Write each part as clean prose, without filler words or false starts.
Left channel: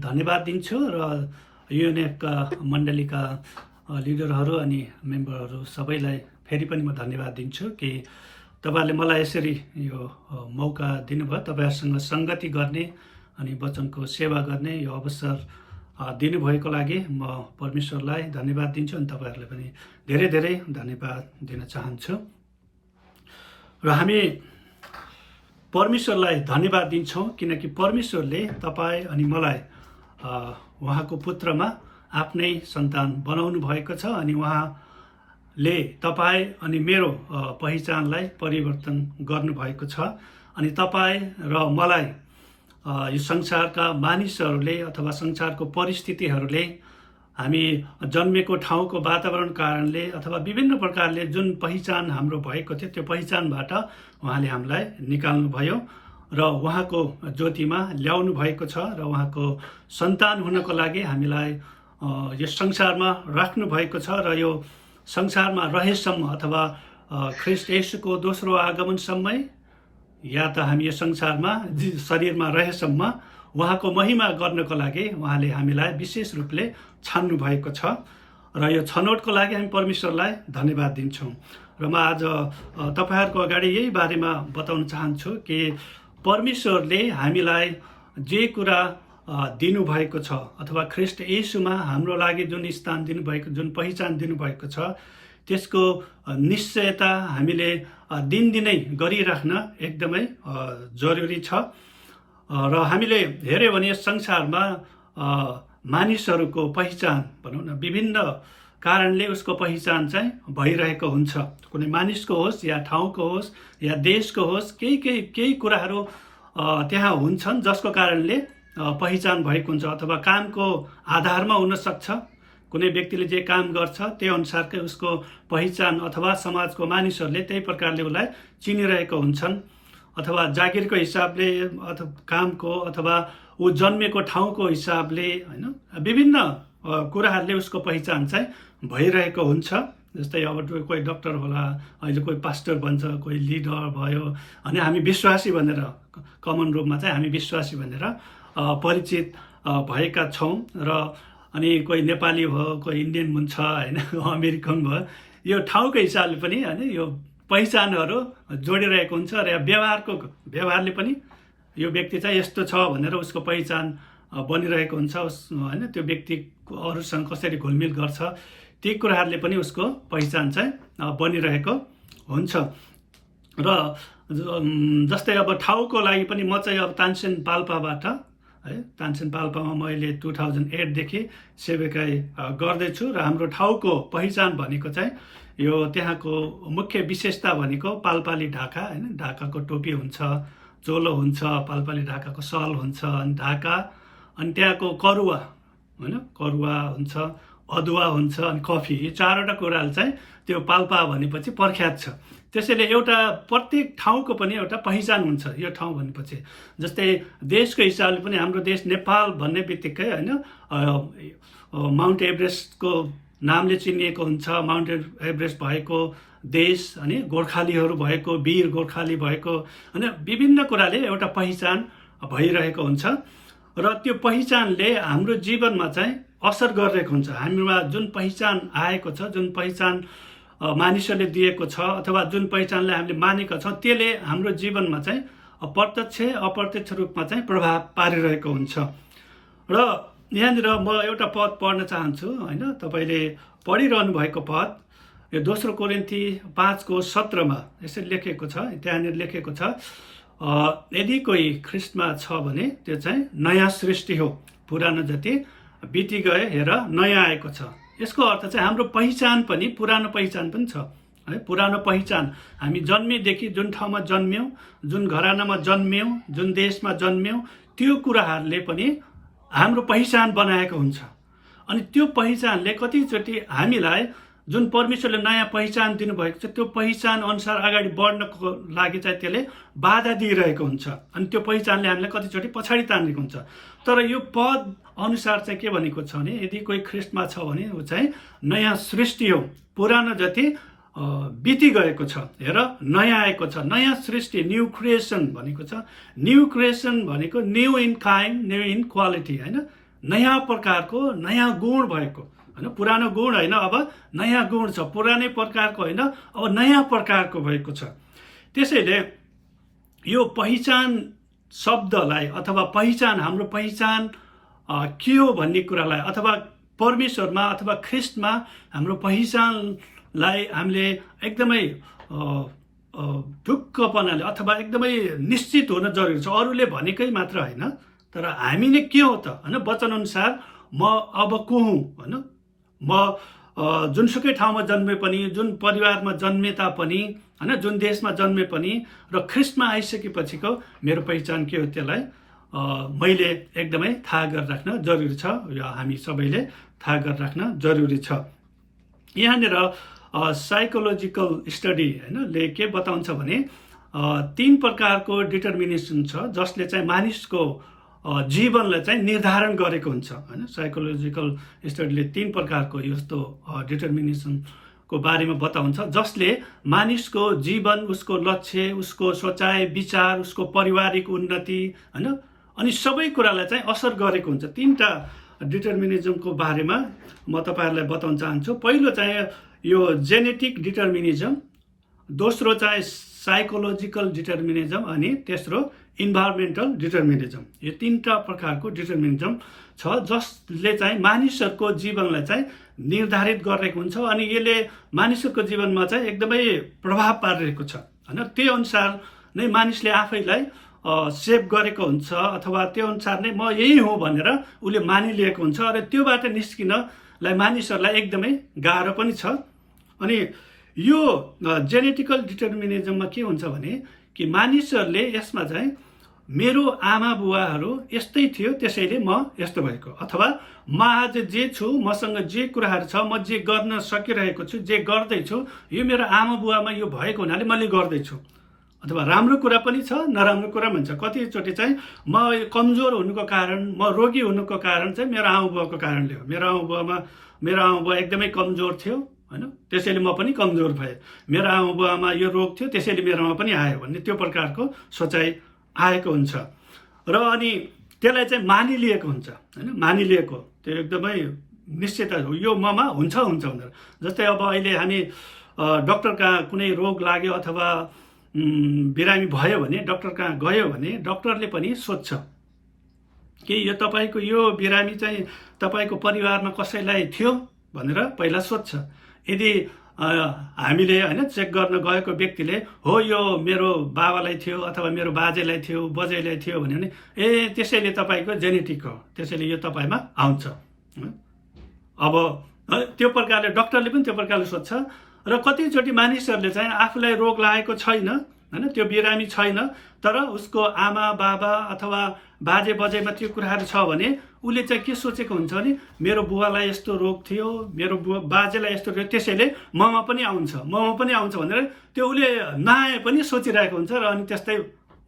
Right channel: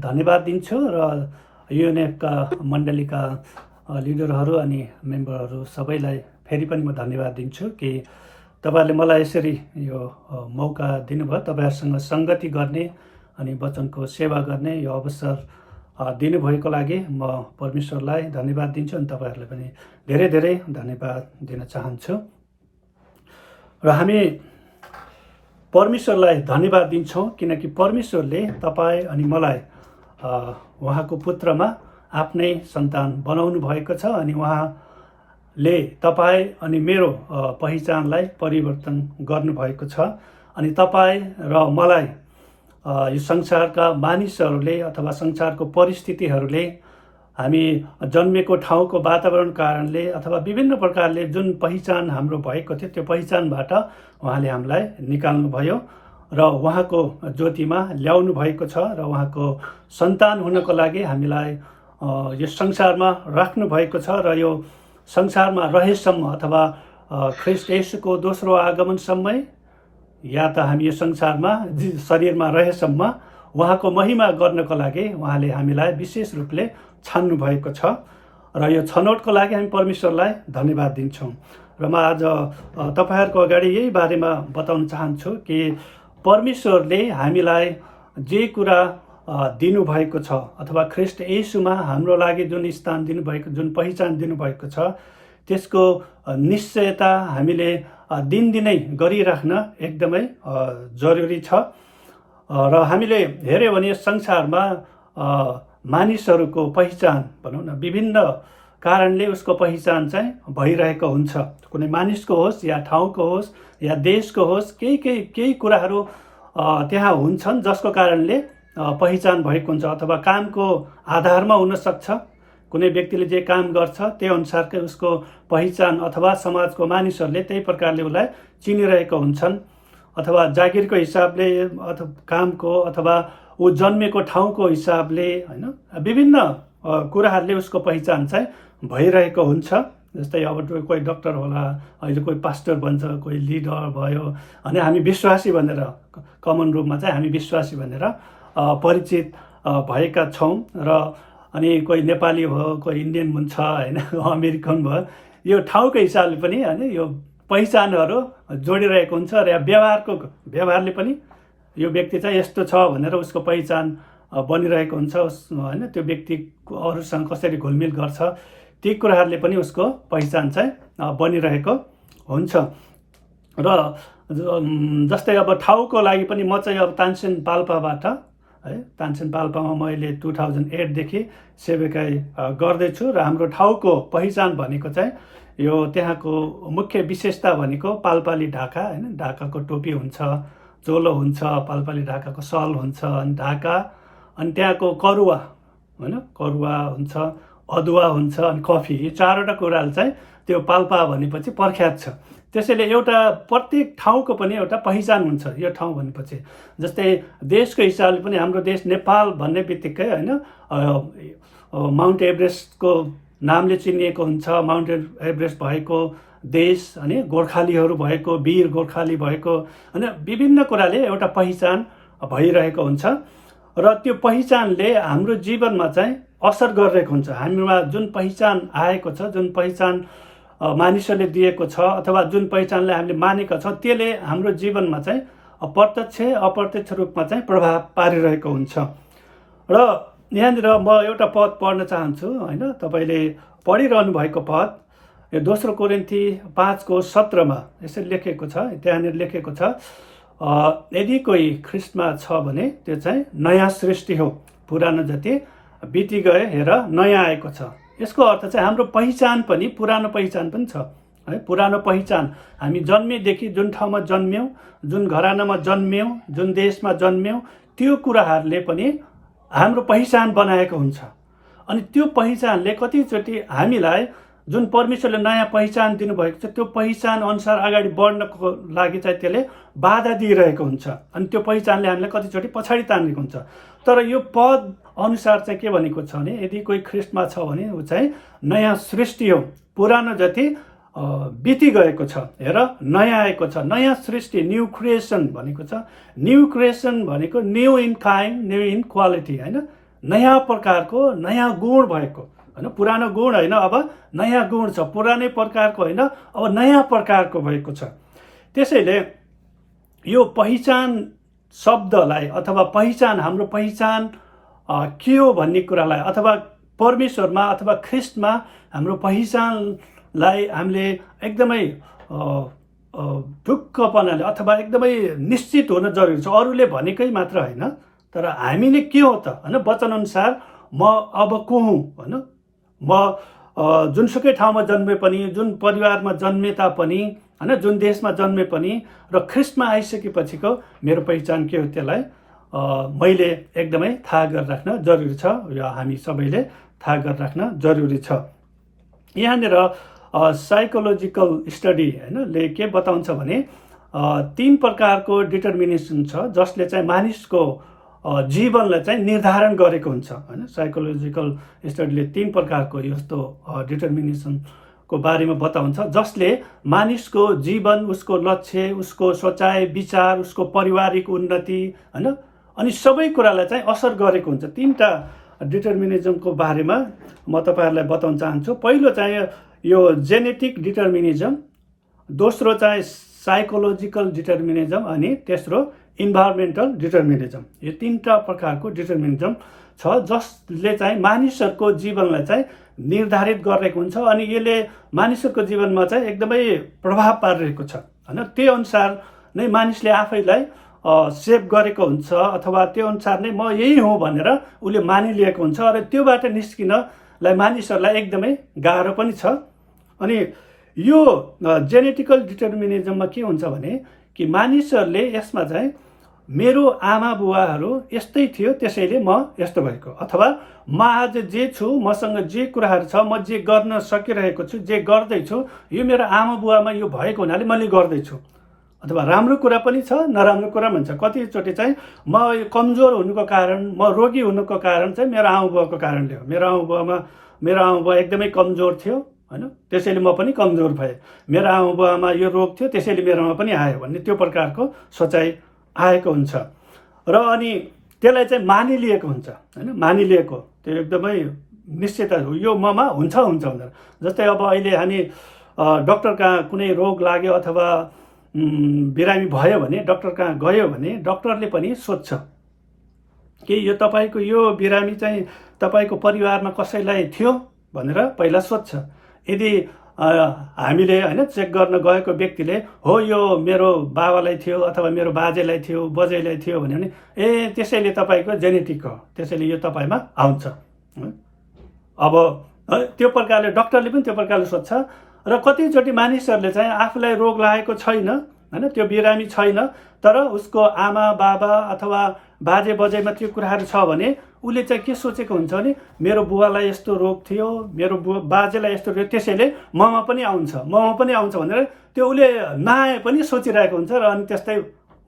धन्यवाद दिन्छु र युएनएफका मण्डलीका लिडरहरू अनि मेम्बरहरू सबैलाई फेरि पनि म धन्यवाद दिन्छु कि तपाईँहरूले मलाई यसरी यो मौका दिनुभयो, तपाईँहरूसँग सङ्गति गर्ने अनि वचनको सेवा गर्ने यो अवसर दिनुभएको लागि म परमेश्वरलाई धन्यवाद दिन्छु अनि तपाईँहरूलाई पनि धेरै धेरै धन्यवाद दिन चाहन्छु। र हामी परमेश्वरलाई धन्यवाद दिन्छौँ किनकि परमेश्वरले तपाईँ अनि मलाई उहाँको पुत्रमा आफ्नै सन्तान बनाउनु भएको छ अनि उहाँले तपाईँ अनि मेरो पहिचानलाई परिवर्तन गर्नुभएको छ अनि तपाईँ र मलाई यो संसारका मानिसहरूले अथवा संसारको परिस्थितिहरूले हामी जन्मेको ठाउँको वातावरण कारणले अथवा विभिन्न प्रकारले जुन पहिचान हाम्रो भएको थियो त्यो पहिचानबाट उहाँले हामीलाई निकाल्नुभयो र उहाँको ज्योतिमा ल्याउनु भएको छ र उहाँको सन्तान हुनको लागि हामीलाई यस संसारमा राख्नु भएको छ र यो संसारमा रहेसम्म अथवा ख्रीष्ट येशूको दोस्रो आगमनसम्मै या त हामी यो संसारमा शरीरमा रहेसम्म उहाँको महिमा गर्नको लागि उहाँले हामीलाई विशेष रूपले छान्नु भएको छ र यो छनौटको लागि हामी परमेश्वरलाई धन्यवाद दिन्छौँ। र म आज तपाईँहरूको अगाडि यही बारेमा बताउन चाहन्छु कि परमेश्वरले हामीलाई जे कुरा दिनुभएको छ अथवा ख्रीष्ट येशूमा हाम्रो लागि जुन स्थान दिनुभएको, जुन पहिचान दिनुभएको छ त्यसको निश्चयता हामीले दिनदिनै गरिराख्न एकदमै जरुरी छ। र हामीले हेऱ्यौँ भने संसारमा मानिसहरूको पहिचान भनौँ न विभिन्न कारणले उसको पहिचान चाहिँ भइरहेको हुन्छ। कुनै मानिसको होस् या ठाउँको होस् या देशको होस्, केही कुराहरू त्यहाँ हुन्छन् जसको कारणले पहिचान भएको हुन्छ अथवा कामको आधारमा हुन सक्छ। कुनै व्यक्तिले जे काम गर्छ त्यही अनुसारकै उसको पहिचान अथवा समाजको मानिसहरूले त्यही प्रकारले उसलाई चिनिरहेको हुन्छन् अथवा जागिरको हिसाबले अथवा कामको अथवा ऊ जन्मेको ठाउँको हिसाबले हैन विभिन्न कुराहरूले उसको पहिचान चाहिँ भइरहेको हुन्छ। जस्तै अब कोही डक्टर होला, अहिले कोही पास्टर बन्छ, कोही लिडर भयो अनि हामी विश्वासी भनेर कमन रूपमा चाहिँ हामी विश्वासी भनेर परिचित भएका छौँ। र अनि कोही नेपाली भयो, कोही इन्डियन हुन्छ हैन, अमेरिकन भयो, यो ठाउँको हिसाबले पनि हैन यो पहिचानहरू जोडिरहेको हुन्छ र व्यवहारले पनि यो व्यक्ति चाहिँ यस्तो छ भनेर उसको पहिचान बनिरहेको हुन्छ हैन। त्यो व्यक्ति अरूसँग कसरी घुलमिल गर्छ ती कुराहरूले पनि उसको पहिचान चाहिँ बनिरहेको हुन्छ। र जस्तै अब ठाउँको लागि पनि म चाहिँ अब तानसेन पाल्पाबाट है, तानसेन पाल्पामा मैले 2008 देखि सेवाकाई गर्दैछु र हाम्रो ठाउँको पहिचान भनेको चाहिँ यो त्यहाँको मुख्य विशेषता भनेको पाल्पाली ढाका हैन, ढाकाको टोपी हुन्छ, चोलो हुन्छ, पाल्पाली ढाकाको सल हुन्छ अनि ढाका अनि त्यहाँको करुवा हैन, करुवा हुन्छ, अदुवा हुन्छ अनि कफी, यो चारवटा कुराले चाहिँ त्यो पाल्पा भनेपछि प्रख्यात छ। त्यसैले एउटा प्रत्येक ठाउँको पनि एउटा पहिचान हुन्छ यो ठाउँ भनेपछि। जस्तै देशको हिसाबले पनि हाम्रो देश नेपाल भन्ने बित्तिकै हैन माउन्ट एभरेस्टको नामले चिनिएको हुन्छ। माउन्ट एभरेस्ट भएको देश अनि गोर्खालीहरू भएको, वीर गोर्खाली भएको हैन, विभिन्न कुराले एउटा पहिचान भइरहेको हुन्छ र त्यो पहिचानले हाम्रो जीवनमा चाहिँ असर गरिरहेको हुन्छ। हामीमा जुन पहिचान आएको छ, जुन पहिचान मानिसहरूले दिएको छ अथवा जुन पहिचानलाई हामीले मानेका छौँ त्यसले हाम्रो जीवनमा चाहिँ प्रत्यक्ष अप्रत्यक्ष रूपमा चाहिँ प्रभाव पारिरहेको हुन्छ। र यहाँनिर म एउटा पद पढ्न चाहन्छु हैन, तपाईँले पढिरहनु भएको पद यो 2 कोरिन्थी 5:17 यसरी लेखेको छ। त्यहाँनिर लेखेको छ यदि कोही ख्रीष्टमा छ भने त्यो चाहिँ नयाँ सृष्टि हो, पुरानो जति बिति गए हेर नयाँ आएको छ। यसको अर्थ चाहिँ हाम्रो पहिचान पनि पुरानो पहिचान पनि छ है। पुरानो पहिचान हामी जन्मेदेखि जुन ठाउँमा जन्म्यौँ, जुन घरानामा जन्म्यौँ, जुन देशमा जन्म्यौँ, त्यो कुराहरूले पनि हाम्रो पहिचान बनाएको हुन्छ। अनि त्यो पहिचानले कतिचोटि हामीलाई जुन परमेश्वरले नयाँ पहिचान दिनुभएको छ त्यो पहिचान अनुसार अगाडि बढ्नको लागि चाहिँ त्यसले बाधा दिइरहेको हुन्छ अनि त्यो पहिचानले हामीलाई कतिचोटि पछाडि तानेको हुन्छ। तर यो पद अनुसार चाहिँ के भनेको छ भने यदि कोही ख्रीष्टमा छ भने ऊ चाहिँ नयाँ सृष्टि हो, पुरानो जति बिति गएको छ हेर नयाँ आएको छ। नयाँ सृष्टि, न्यू क्रिएसन भनेको छ। न्यू क्रिएसन भनेको new in kind, new in quality हैन। नयाँ प्रकारको नयाँ गुण भएको, होइन, पुरानो गुण होइन, अब नयाँ गुण छ, पुरानै प्रकारको होइन, अब नयाँ प्रकारको भएको छ। त्यसैले यो पहिचान शब्दलाई अथवा पहिचान, हाम्रो पहिचान के हो भन्ने कुरालाई, अथवा परमेश्वरमा अथवा ख्रिस्टमा हाम्रो पहिचानलाई हामीले एकदमै ढुक्कपनाले अथवा एकदमै निश्चित हुन जरुरी छ। अरूले भनेकै मात्र होइन, तर हामीले के हो त, होइन, वचनअनुसार म अब को हुँ, होइन, म जुनसुकै ठाउँमा जन्मे पनि, जुन परिवारमा जन्मे तापनि, होइन, जुन देशमा जन्मे पनि, र ख्रिस्टमा आइसकेपछिको मेरो पहिचान के हो, त्यसलाई मैले एकदमै थाहा गरेर राख्न जरुरी छ, या हामी सबैले थाहा गरेर राख्न जरुरी छ। यहाँनिर साइकोलोजिकल स्टडी, होइन, ले के बताउँछ भने 3 प्रकारको डिटर्मिनेसन छ जसले चाहिँ मानिसको जीवनलाई चाहिँ निर्धारण गरेको हुन्छ, होइन। साइकोलोजिकल स्टडीले 3 प्रकारको यस्तो डिटर्मिनेसनको बारेमा बताउँछ जसले मानिसको जीवन, उसको लक्ष्य, उसको सोचाइ विचार, उसको पारिवारिक उन्नति, होइन, अनि सबै कुरालाई चाहिँ असर गरेको हुन्छ। 3टा डिटर्मिनिजमको बारेमा म तपाईँहरूलाई बताउन चाहन्छु। पहिलो चाहिँ यो जेनेटिक डिटर्मिनिजम, दोस्रो चाहिँ साइकोलोजिकल डिटर्मिनिजम, अनि तेस्रो इन्भाइरोमेन्टल डिटर्मिनिजम। यो 3टा प्रकारको डिटर्मिनिजम छ जसले चाहिँ मानिसहरूको जीवनलाई चाहिँ निर्धारित गरेको हुन्छ, अनि यसले मानिसहरूको जीवनमा चाहिँ एकदमै प्रभाव पारिरहेको छ, होइन। त्यही अनुसार नै मानिसले आफैलाई सेभ गरेको हुन्छ, अथवा त्यो अनुसार नै म यही हुँ भनेर उसले मानिलिएको हुन्छ, र त्योबाट निस्किनलाई मानिसहरूलाई एकदमै गाह्रो पनि छ। अनि यो जेनेटिकल डिटर्मिनिजममा के हुन्छ भने कि मानिसहरूले यसमा चाहिँ मेरो आमा बुवाहरू यस्तै थियो त्यसैले म यस्तो भएको, अथवा म आज जे छु, मसँग जे कुराहरू छ, म जे गर्न सकिरहेको छु, जे गर्दैछु, यो मेरो आमा बुवामा यो भएको हुनाले मैले गर्दैछु। अथवा राम्रो कुरा पनि छ, नराम्रो कुरा पनि छ। कतिचोटि चाहिँ म कमजोर हुनुको कारण, म रोगी हुनुको कारण चाहिँ मेरो आमा बुवाको कारणले हो। मेरो आमा बुवा एकदमै कमजोर थियो, होइन, त्यसैले म पनि कमजोर भएँ। मेरो आमा बुवामा यो रोग थियो त्यसैले मेरोमा पनि आयो भन्ने त्यो प्रकारको सोचाइ आएको हुन्छ, र अनि त्यसलाई चाहिँ मानिलिएको हुन्छ, होइन, मानिलिएको त्यो एकदमै निश्चित हो, यो ममा हुन्छ भनेर। जस्तै अब अहिले हामी डक्टर कहाँ कुनै रोग लाग्यो अथवा बिरामी भयो भने डक्टर कहाँ गयो भने डक्टरले पनि सोध्छ कि यो तपाईँको यो बिरामी चाहिँ तपाईँको परिवारमा कसैलाई थियो भनेर पहिला सोध्छ। यदि हामीले, होइन, चेक गर्न गएको व्यक्तिले हो यो मेरो बाबालाई थियो अथवा मेरो बाजेलाई थियो, बजैलाई थियो भन्यो भने त्यसैले तपाईँको जेनेटिक हो, त्यसैले यो तपाईँमा आउँछ। अब त्यो प्रकारले डक्टरले पनि त्यो प्रकारले सोध्छ। र कतिचोटि मानिसहरूले चाहिँ आफूलाई रोग लागेको छैन, होइन, त्यो बिरामी छैन, तर उसको आमा बाबा अथवा बाजे बजैमा त्यो कुराहरू छ भने उसले चाहिँ के सोचेको हुन्छ भने मेरो बुवालाई यस्तो रोग थियो, मेरो बाजेलाई यस्तो थियो, त्यसैले ममा पनि आउँछ भनेर त्यो उसले नआए पनि सोचिरहेको हुन्छ, र अनि त्यस्तै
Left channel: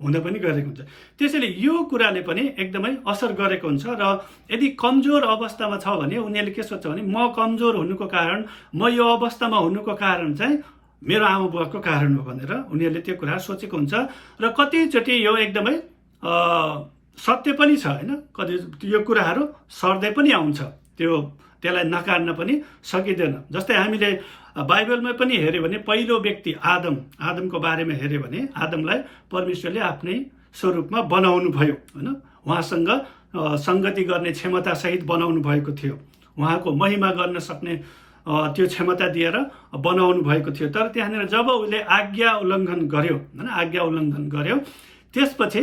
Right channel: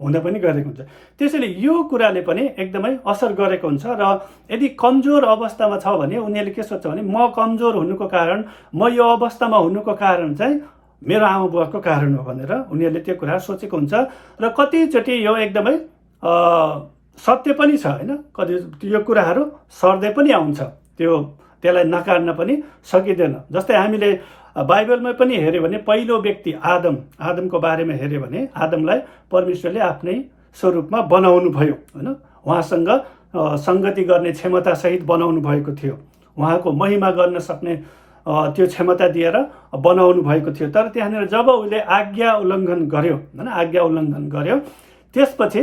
हुन पनि गरेको हुन्छ। त्यसैले यो कुराले पनि एकदमै असर गरेको हुन्छ। र यदि कमजोर अवस्थामा छ भने उनीहरूले के सोध्छ भने म कमजोर हुनुको कारण, म यो अवस्थामा हुनुको कारण चाहिँ मेरो आमा बुवाको कारण हो भनेर उनीहरूले त्यो कुरा सोचेको हुन्छ। र कतिचोटि यो एकदमै सत्य पनि छ, होइन, कति यो कुराहरू सर्दै पनि आउँछ, त्यसलाई नकार्न पनि सकिँदैन। जस्तै हामीले बाइबलमा पनि हेऱ्यो भने पहिलो व्यक्ति आदमको बारेमा हेऱ्यो भने आदमलाई परमेश्वरले आफ्नै स्वरूपमा बनाउनु भयो, होइन, उहाँसँग सङ्गति गर्ने क्षमता सहित बनाउनु भएको थियो, उहाँको महिमा गर्न सक्ने त्यो क्षमता दिएर बनाउनु भएको थियो। तर त्यहाँनिर जब उसले आज्ञा उल्लङ्घन गर्यो त्यसपछि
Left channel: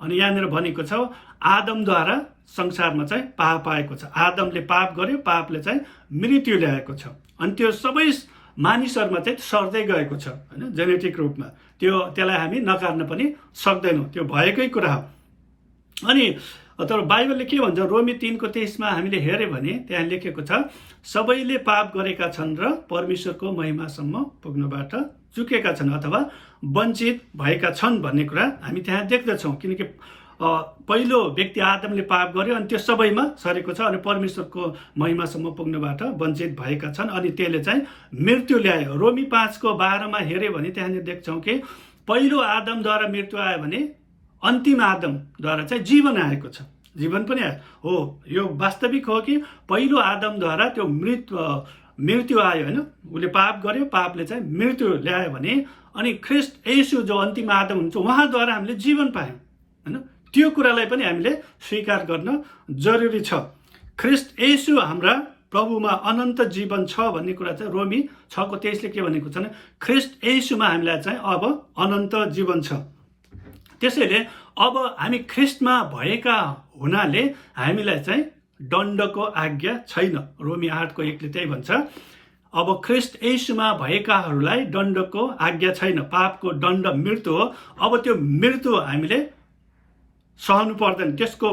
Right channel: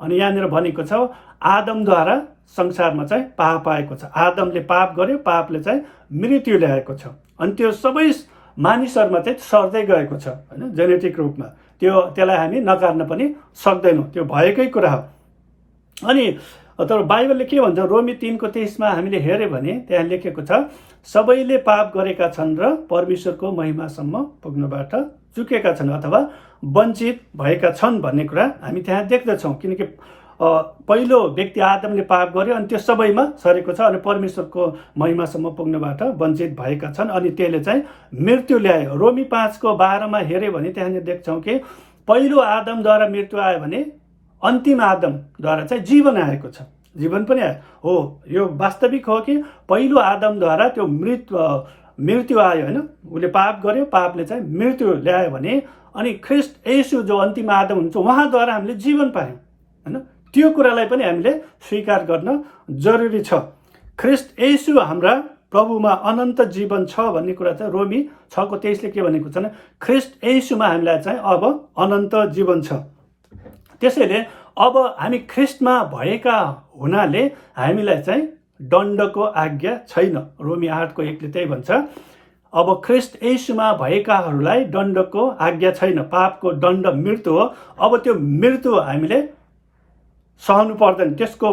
अनि यहाँनिर भनेको छ आदमद्वारा संसारमा चाहिँ पाप आएको छ। आदमले पाप गर्यो, पापले चाहिँ मृत्यु ल्याएको छ, अनि त्यो सबै मानिसहरूमा चाहिँ सर्दै गएको छ, होइन, जेनेटिक रूपमा। त्यसलाई हामी नकार्न पनि सक्दैनौँ, त्यो भएकै कुरा हो। अनि तर बाइबलले के भन्छ, रोमी 3:23 हामीले हेऱ्यो भने त्यहाँ लेखेको छ सबैले पाप गरेका छन् र परमेश्वरको महिमासम्म पुग्नबाट चुकेका छन् अथवा वञ्चित भएका छन् भन्ने कुरा हामी त्यहाँ देख्दछौँ। किनकि पहिलो व्यक्ति आदमले पाप गर्यो अनि त्यो सबैमा सरेको छ, अनि परमेश्वरको महिमासम्म पुग्नबाट वञ्चित भएका छन्, अनि त्यसले चाहिँ मृत्यु ल्यायो। रोमी 5:12 हेऱ्यो भने त्यहाँनिर देख्छौँ कि पहिलो आदमद्वारा मृत्यु आयो भने अन्तिम आदमद्वारा चाहिँ जीवन आएको छ, जीवन पनि आयो हो। यो वास्तविक हो कि पहिलो आदमद्वारा त्यो मृत्यु आयो होइन, उसले पाप गर्यो, पापले चाहिँ मृत्यु ल्यायो भने अनि ख्रिस्ट येशू जो अन्तिम आदम हुन्छ उहाँद्वारा हामीले जीवन पायौँ होइन। त्यो कुरालाई पनि हामीले स्वीकार गर्न जरुरी छ। ख्रिस्ट येशू हाम्रा प्रभुमा अनन्त जीवन छ भन्ने कुरा चाहिँ रोमी 6:23 के भनेको छ भने ख्रिस्ट येशूमा हामीलाई चाहिँ अब अनन्त जीवन छ। त्यसैले अब हामी ख्रिस्टमा भएका हुनाले हामीलाई चाहिँ दण्डको आज्ञा छैन। रोमी 8:1 त्यही भन्छ, अब ख्रिस्ट येशूमा भएकाहरूलाई दण्डको आज्ञा छैन। पापको दण्ड मृत्यु हो। अब त्यो मृत्यु हामीले सहनु पर्दैन, त्यसको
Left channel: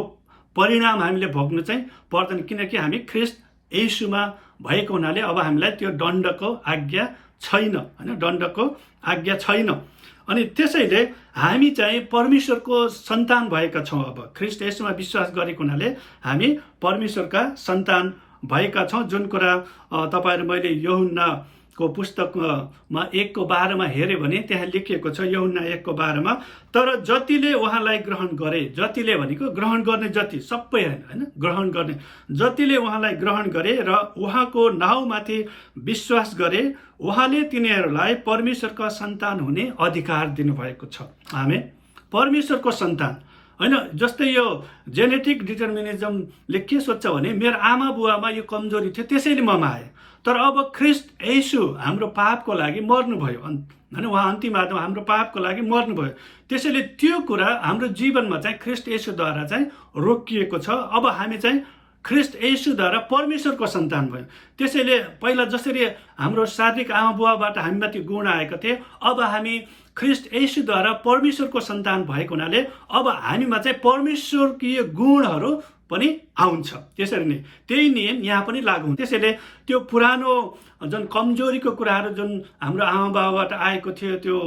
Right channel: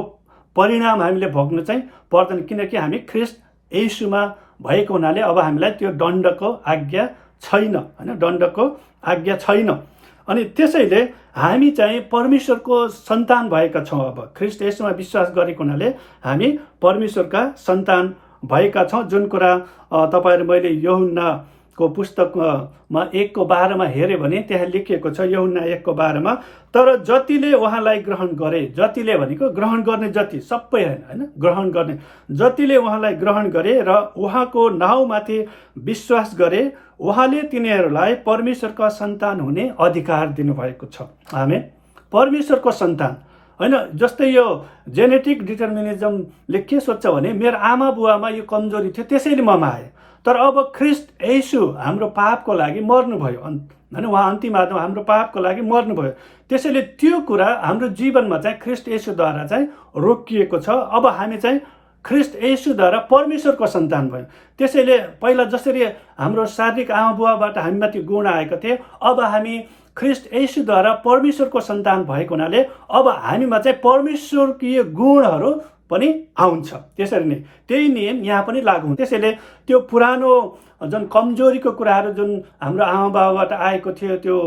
परिणाम हामीले भोग्नु चाहिँ पर्दैन, किनकि हामी ख्रिस्ट येशूमा भएको हुनाले अब हामीलाई त्यो दण्डको आज्ञा छैन होइन, दण्डको आज्ञा छैन। अनि त्यसैले हामी चाहिँ परमेश्वरको सन्तान भएका छौँ। अब ख्रिस्ट येशूमा विश्वास गरेको हुनाले हामी परमेश्वरका सन्तान भएका छौँ। जुन कुरा तपाईँहरू मैले यूहन्नाको पुस्तकमा 1:12 हेऱ्यो भने त्यहाँ लेखिएको छ, यूहन्ना 1:12 तर जतिले उहाँलाई ग्रहण गरे, जतिले भनेको ग्रहण गर्ने जति, सबै होइन, ग्रहण गर्ने जतिले उहाँलाई ग्रहण गरे र उहाँको नाउँमाथि विश्वास गरे उहाँले तिनीहरूलाई परमेश्वरका सन्तान हुने अधिकार दिनुभएको छ। आमेन। परमेश्वरको सन्तान होइन। जस्तै यो जेनेटिक डिटर्मिनिजमले के सोध्छ भने मेरो आमा बुवामा यो कमजोरी थियो त्यसैले ममा आयो, तर अब ख्रिस्ट येशू हाम्रो पापको लागि मर्नुभयो होइन, उहाँ अन्तिम आदम हाम्रो पापको लागि मर्नुभयो। त्यसैले त्यो कुरा हाम्रो जीवनमा चाहिँ ख्रिस्ट येशूद्वारा चाहिँ रोकिएको छ। अब हामी चाहिँ ख्रिस्ट येशूद्वारा परमेश्वरको सन्तान भयो। त्यसैले पहिला जसरी हाम्रो शारीरिक आमा बुवाबाट हामीमाथि गुण आएको थियो, अब हामी ख्रिस्ट येशूद्वारा परमेश्वरको सन्तान भएको हुनाले अब हामीमा चाहिँ परमेश्वरकीय गुणहरू पनि आउँछ। त्यसरी नै त्यही नियम यहाँ पनि लागू हुन्छ। त्यसैले त्यो पुरानो जुन कमजोरीको कुराहरू जुन हाम्रो आमा बाबाबाट आएको थियो त्यो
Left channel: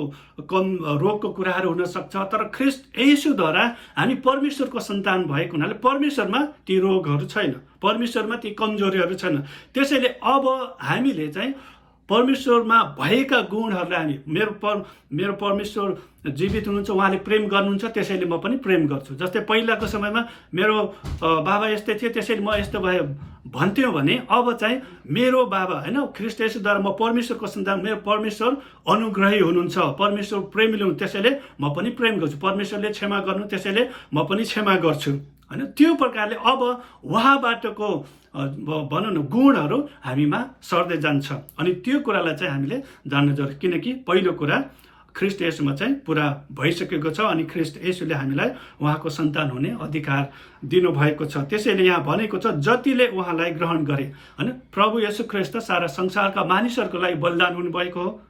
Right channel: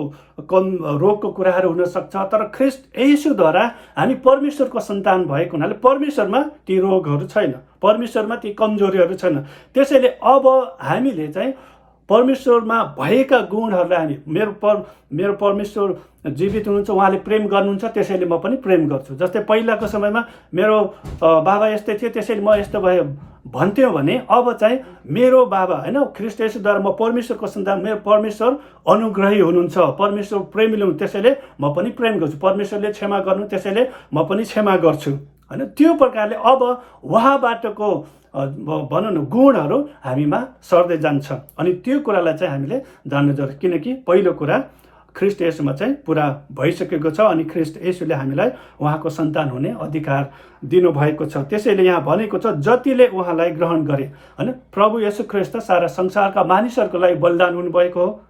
रोगको कुराहरू हुनसक्छ, तर ख्रिस्ट येशूद्वारा हामी परमेश्वरको सन्तान भएको हुनाले परमेश्वरमा ती रोगहरू छैन, परमेश्वरमा ती कमजोरीहरू छैन। त्यसैले अब हामीले चाहिँ परमेश्वरमा भएका गुणहरूलाई हामी मेरो परमेश्वर जीवित हुनुहुन्छ, उहाँले प्रेम गर्नुहुन्छ, त्यसैले म पनि प्रेम गर्छु। जस्तै पहिलाको समयमा मेरो बाबा यस्तै थियो त्यसैले म यस्तो भयो भन्थ्यौँ भने अब चाहिँ मेरो बाबा होइन ख्रिस्ट येशूद्वारा म परमेश्वरको सन्तान, मेरो परमेश्वर अनुग्रही हुनुहुन्छ, परमेश्वर प्रेमिलो हुनुहुन्छ, त्यसैले म पनि प्रेम गर्छु। परमेश्वरले क्षमा गर्नु त्यसैले म पनि क्षमा गर्छु होइन। त्यो प्रकारले अब उहाँबाटको भनौँ न गुणहरू हामीमा सर्दै जान्छ। अनि त्यो कुरालाई चाहिँ हामीले जान्नु जरुरी, किनकि पहिलो कुरा ख्रिस्ट येशूमा चाहिँ पुरा भइसकेको छ अनि ख्रिस्ट येशूले हामीलाई उहाँको सन्तान हुने अधिकार दिनुभएको छ। त्यसैले यहाँ भनेको छ जतिले उहाँलाई ग्रहण गरे होइन। प्रभु येशू ख्रिस्ट सारा संसारका मानिसहरूको लागि बलिदान हुनुभएको हो,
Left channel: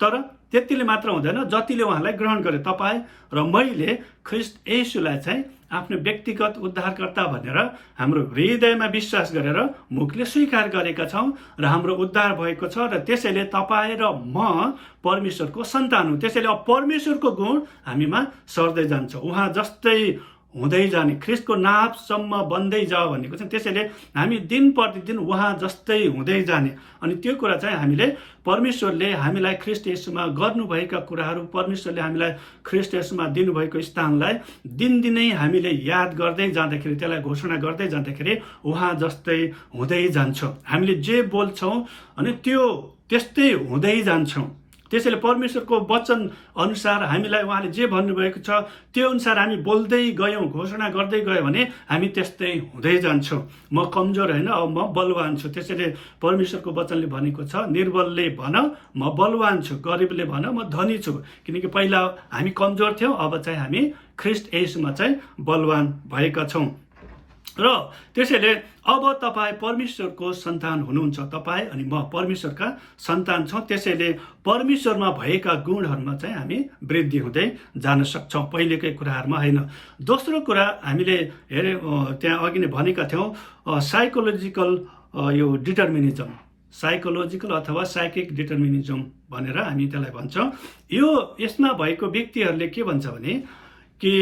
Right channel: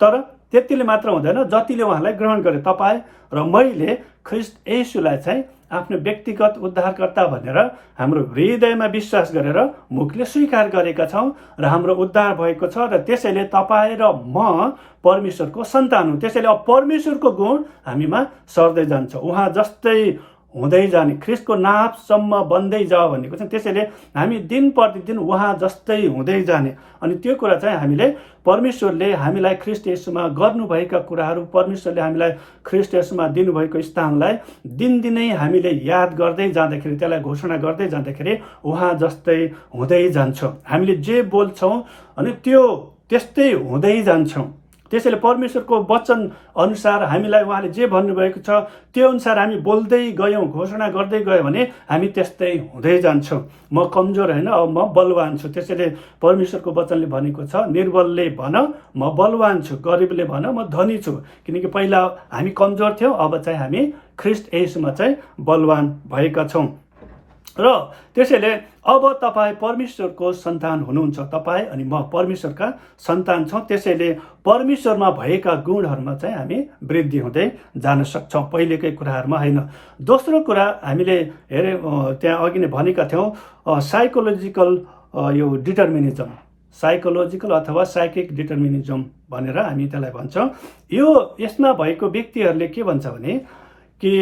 तर त्यतिले मात्र हुँदैन, जतिले उहाँलाई ग्रहण गरे। तपाईँ र मैले ख्रिस्ट येशूलाई चाहिँ आफ्नो व्यक्तिगत उद्धारकर्ता भनेर हाम्रो हृदयमा विश्वास गरेर मुखले स्वीकार गरेका छौँ र हाम्रो उद्धार भएको छ। र त्यसैले तपाईँ र म परमेश्वरको सन्तान हुँ। त्यसैले अब परमेश्वरको गुण हामीमा सर्दै जान्छ, उहाँ जस्तै हुँदै जाने, ख्रिस्टको नापसम्म बन्दै जाओ भनेको छ। त्यसैले हामी दिन प्रतिदिन उहाँ जस्तै हुँदै जाने। अनि त्यो कुरा चाहिँ हामीले परमेश्वरले हामीलाई ख्रिस्ट येशूमा गर्नुभएका कुराहरू, परमेश्वरले हामीलाई ख्रिस्ट येशूमा दिनुभएको स्थानलाई दिनदिनै हामीले याद गर्दै जाँदाखेरि, त्यसलाई घोषणा गर्दै जाँदाखेरि उहाँ जस्तै हुँदै जान्छौँ। हामीले जे बोल्छौँ अनि त्यो त्यस्तै हुँदै जान्छौँ। त्यसैले परमेश्वरको वचन अनुसार हामीलाई उहाँले जे भन्नुभएको छ त्यो अनुसार हामी बोल्दै गयौँ, घोषणा गर्दै गयौँ भने हामी त्यस्तै हुँदै जान्छौँ। म कमजोर होइन, अब म बलवान छु। त्यसैले परमेश्वरको वचनले भनेको छ निर्बलले भन म बलवान छु, गरिबले भन म धनी छु। किनकि पहिला हामी कमजोर थियौँ, अब चाहिँ हामी ख्रिस्ट येशूमा चाहिँ बलवान भएका छौँ। र त्यसैले अब तपाईँ परमेश्वरको सन्तान हुनुहुन्छ, तपाईँ अनि म परमेश्वरका सन्तान छौँ। त्यसैले परमेश्वरमा भएका गुणहरूमा चाहिँ हामी वृद्धि हुँदै जान सक्छौँ, पहिलेकै कुराहरूमा होइन। दोस्रो कुरा हामीले त्यहाँ अघि नै भनेका थियौँ साइकोलोजिकल यो डिटर्मिनिजम, साइकोलोजिकल अथवा साइकिक डिटर्मिनिजम भनेर हामी त्यसलाई भन्छौँ। यो यसमा भएको व्यक्तिहरूले के भन्छ भने कि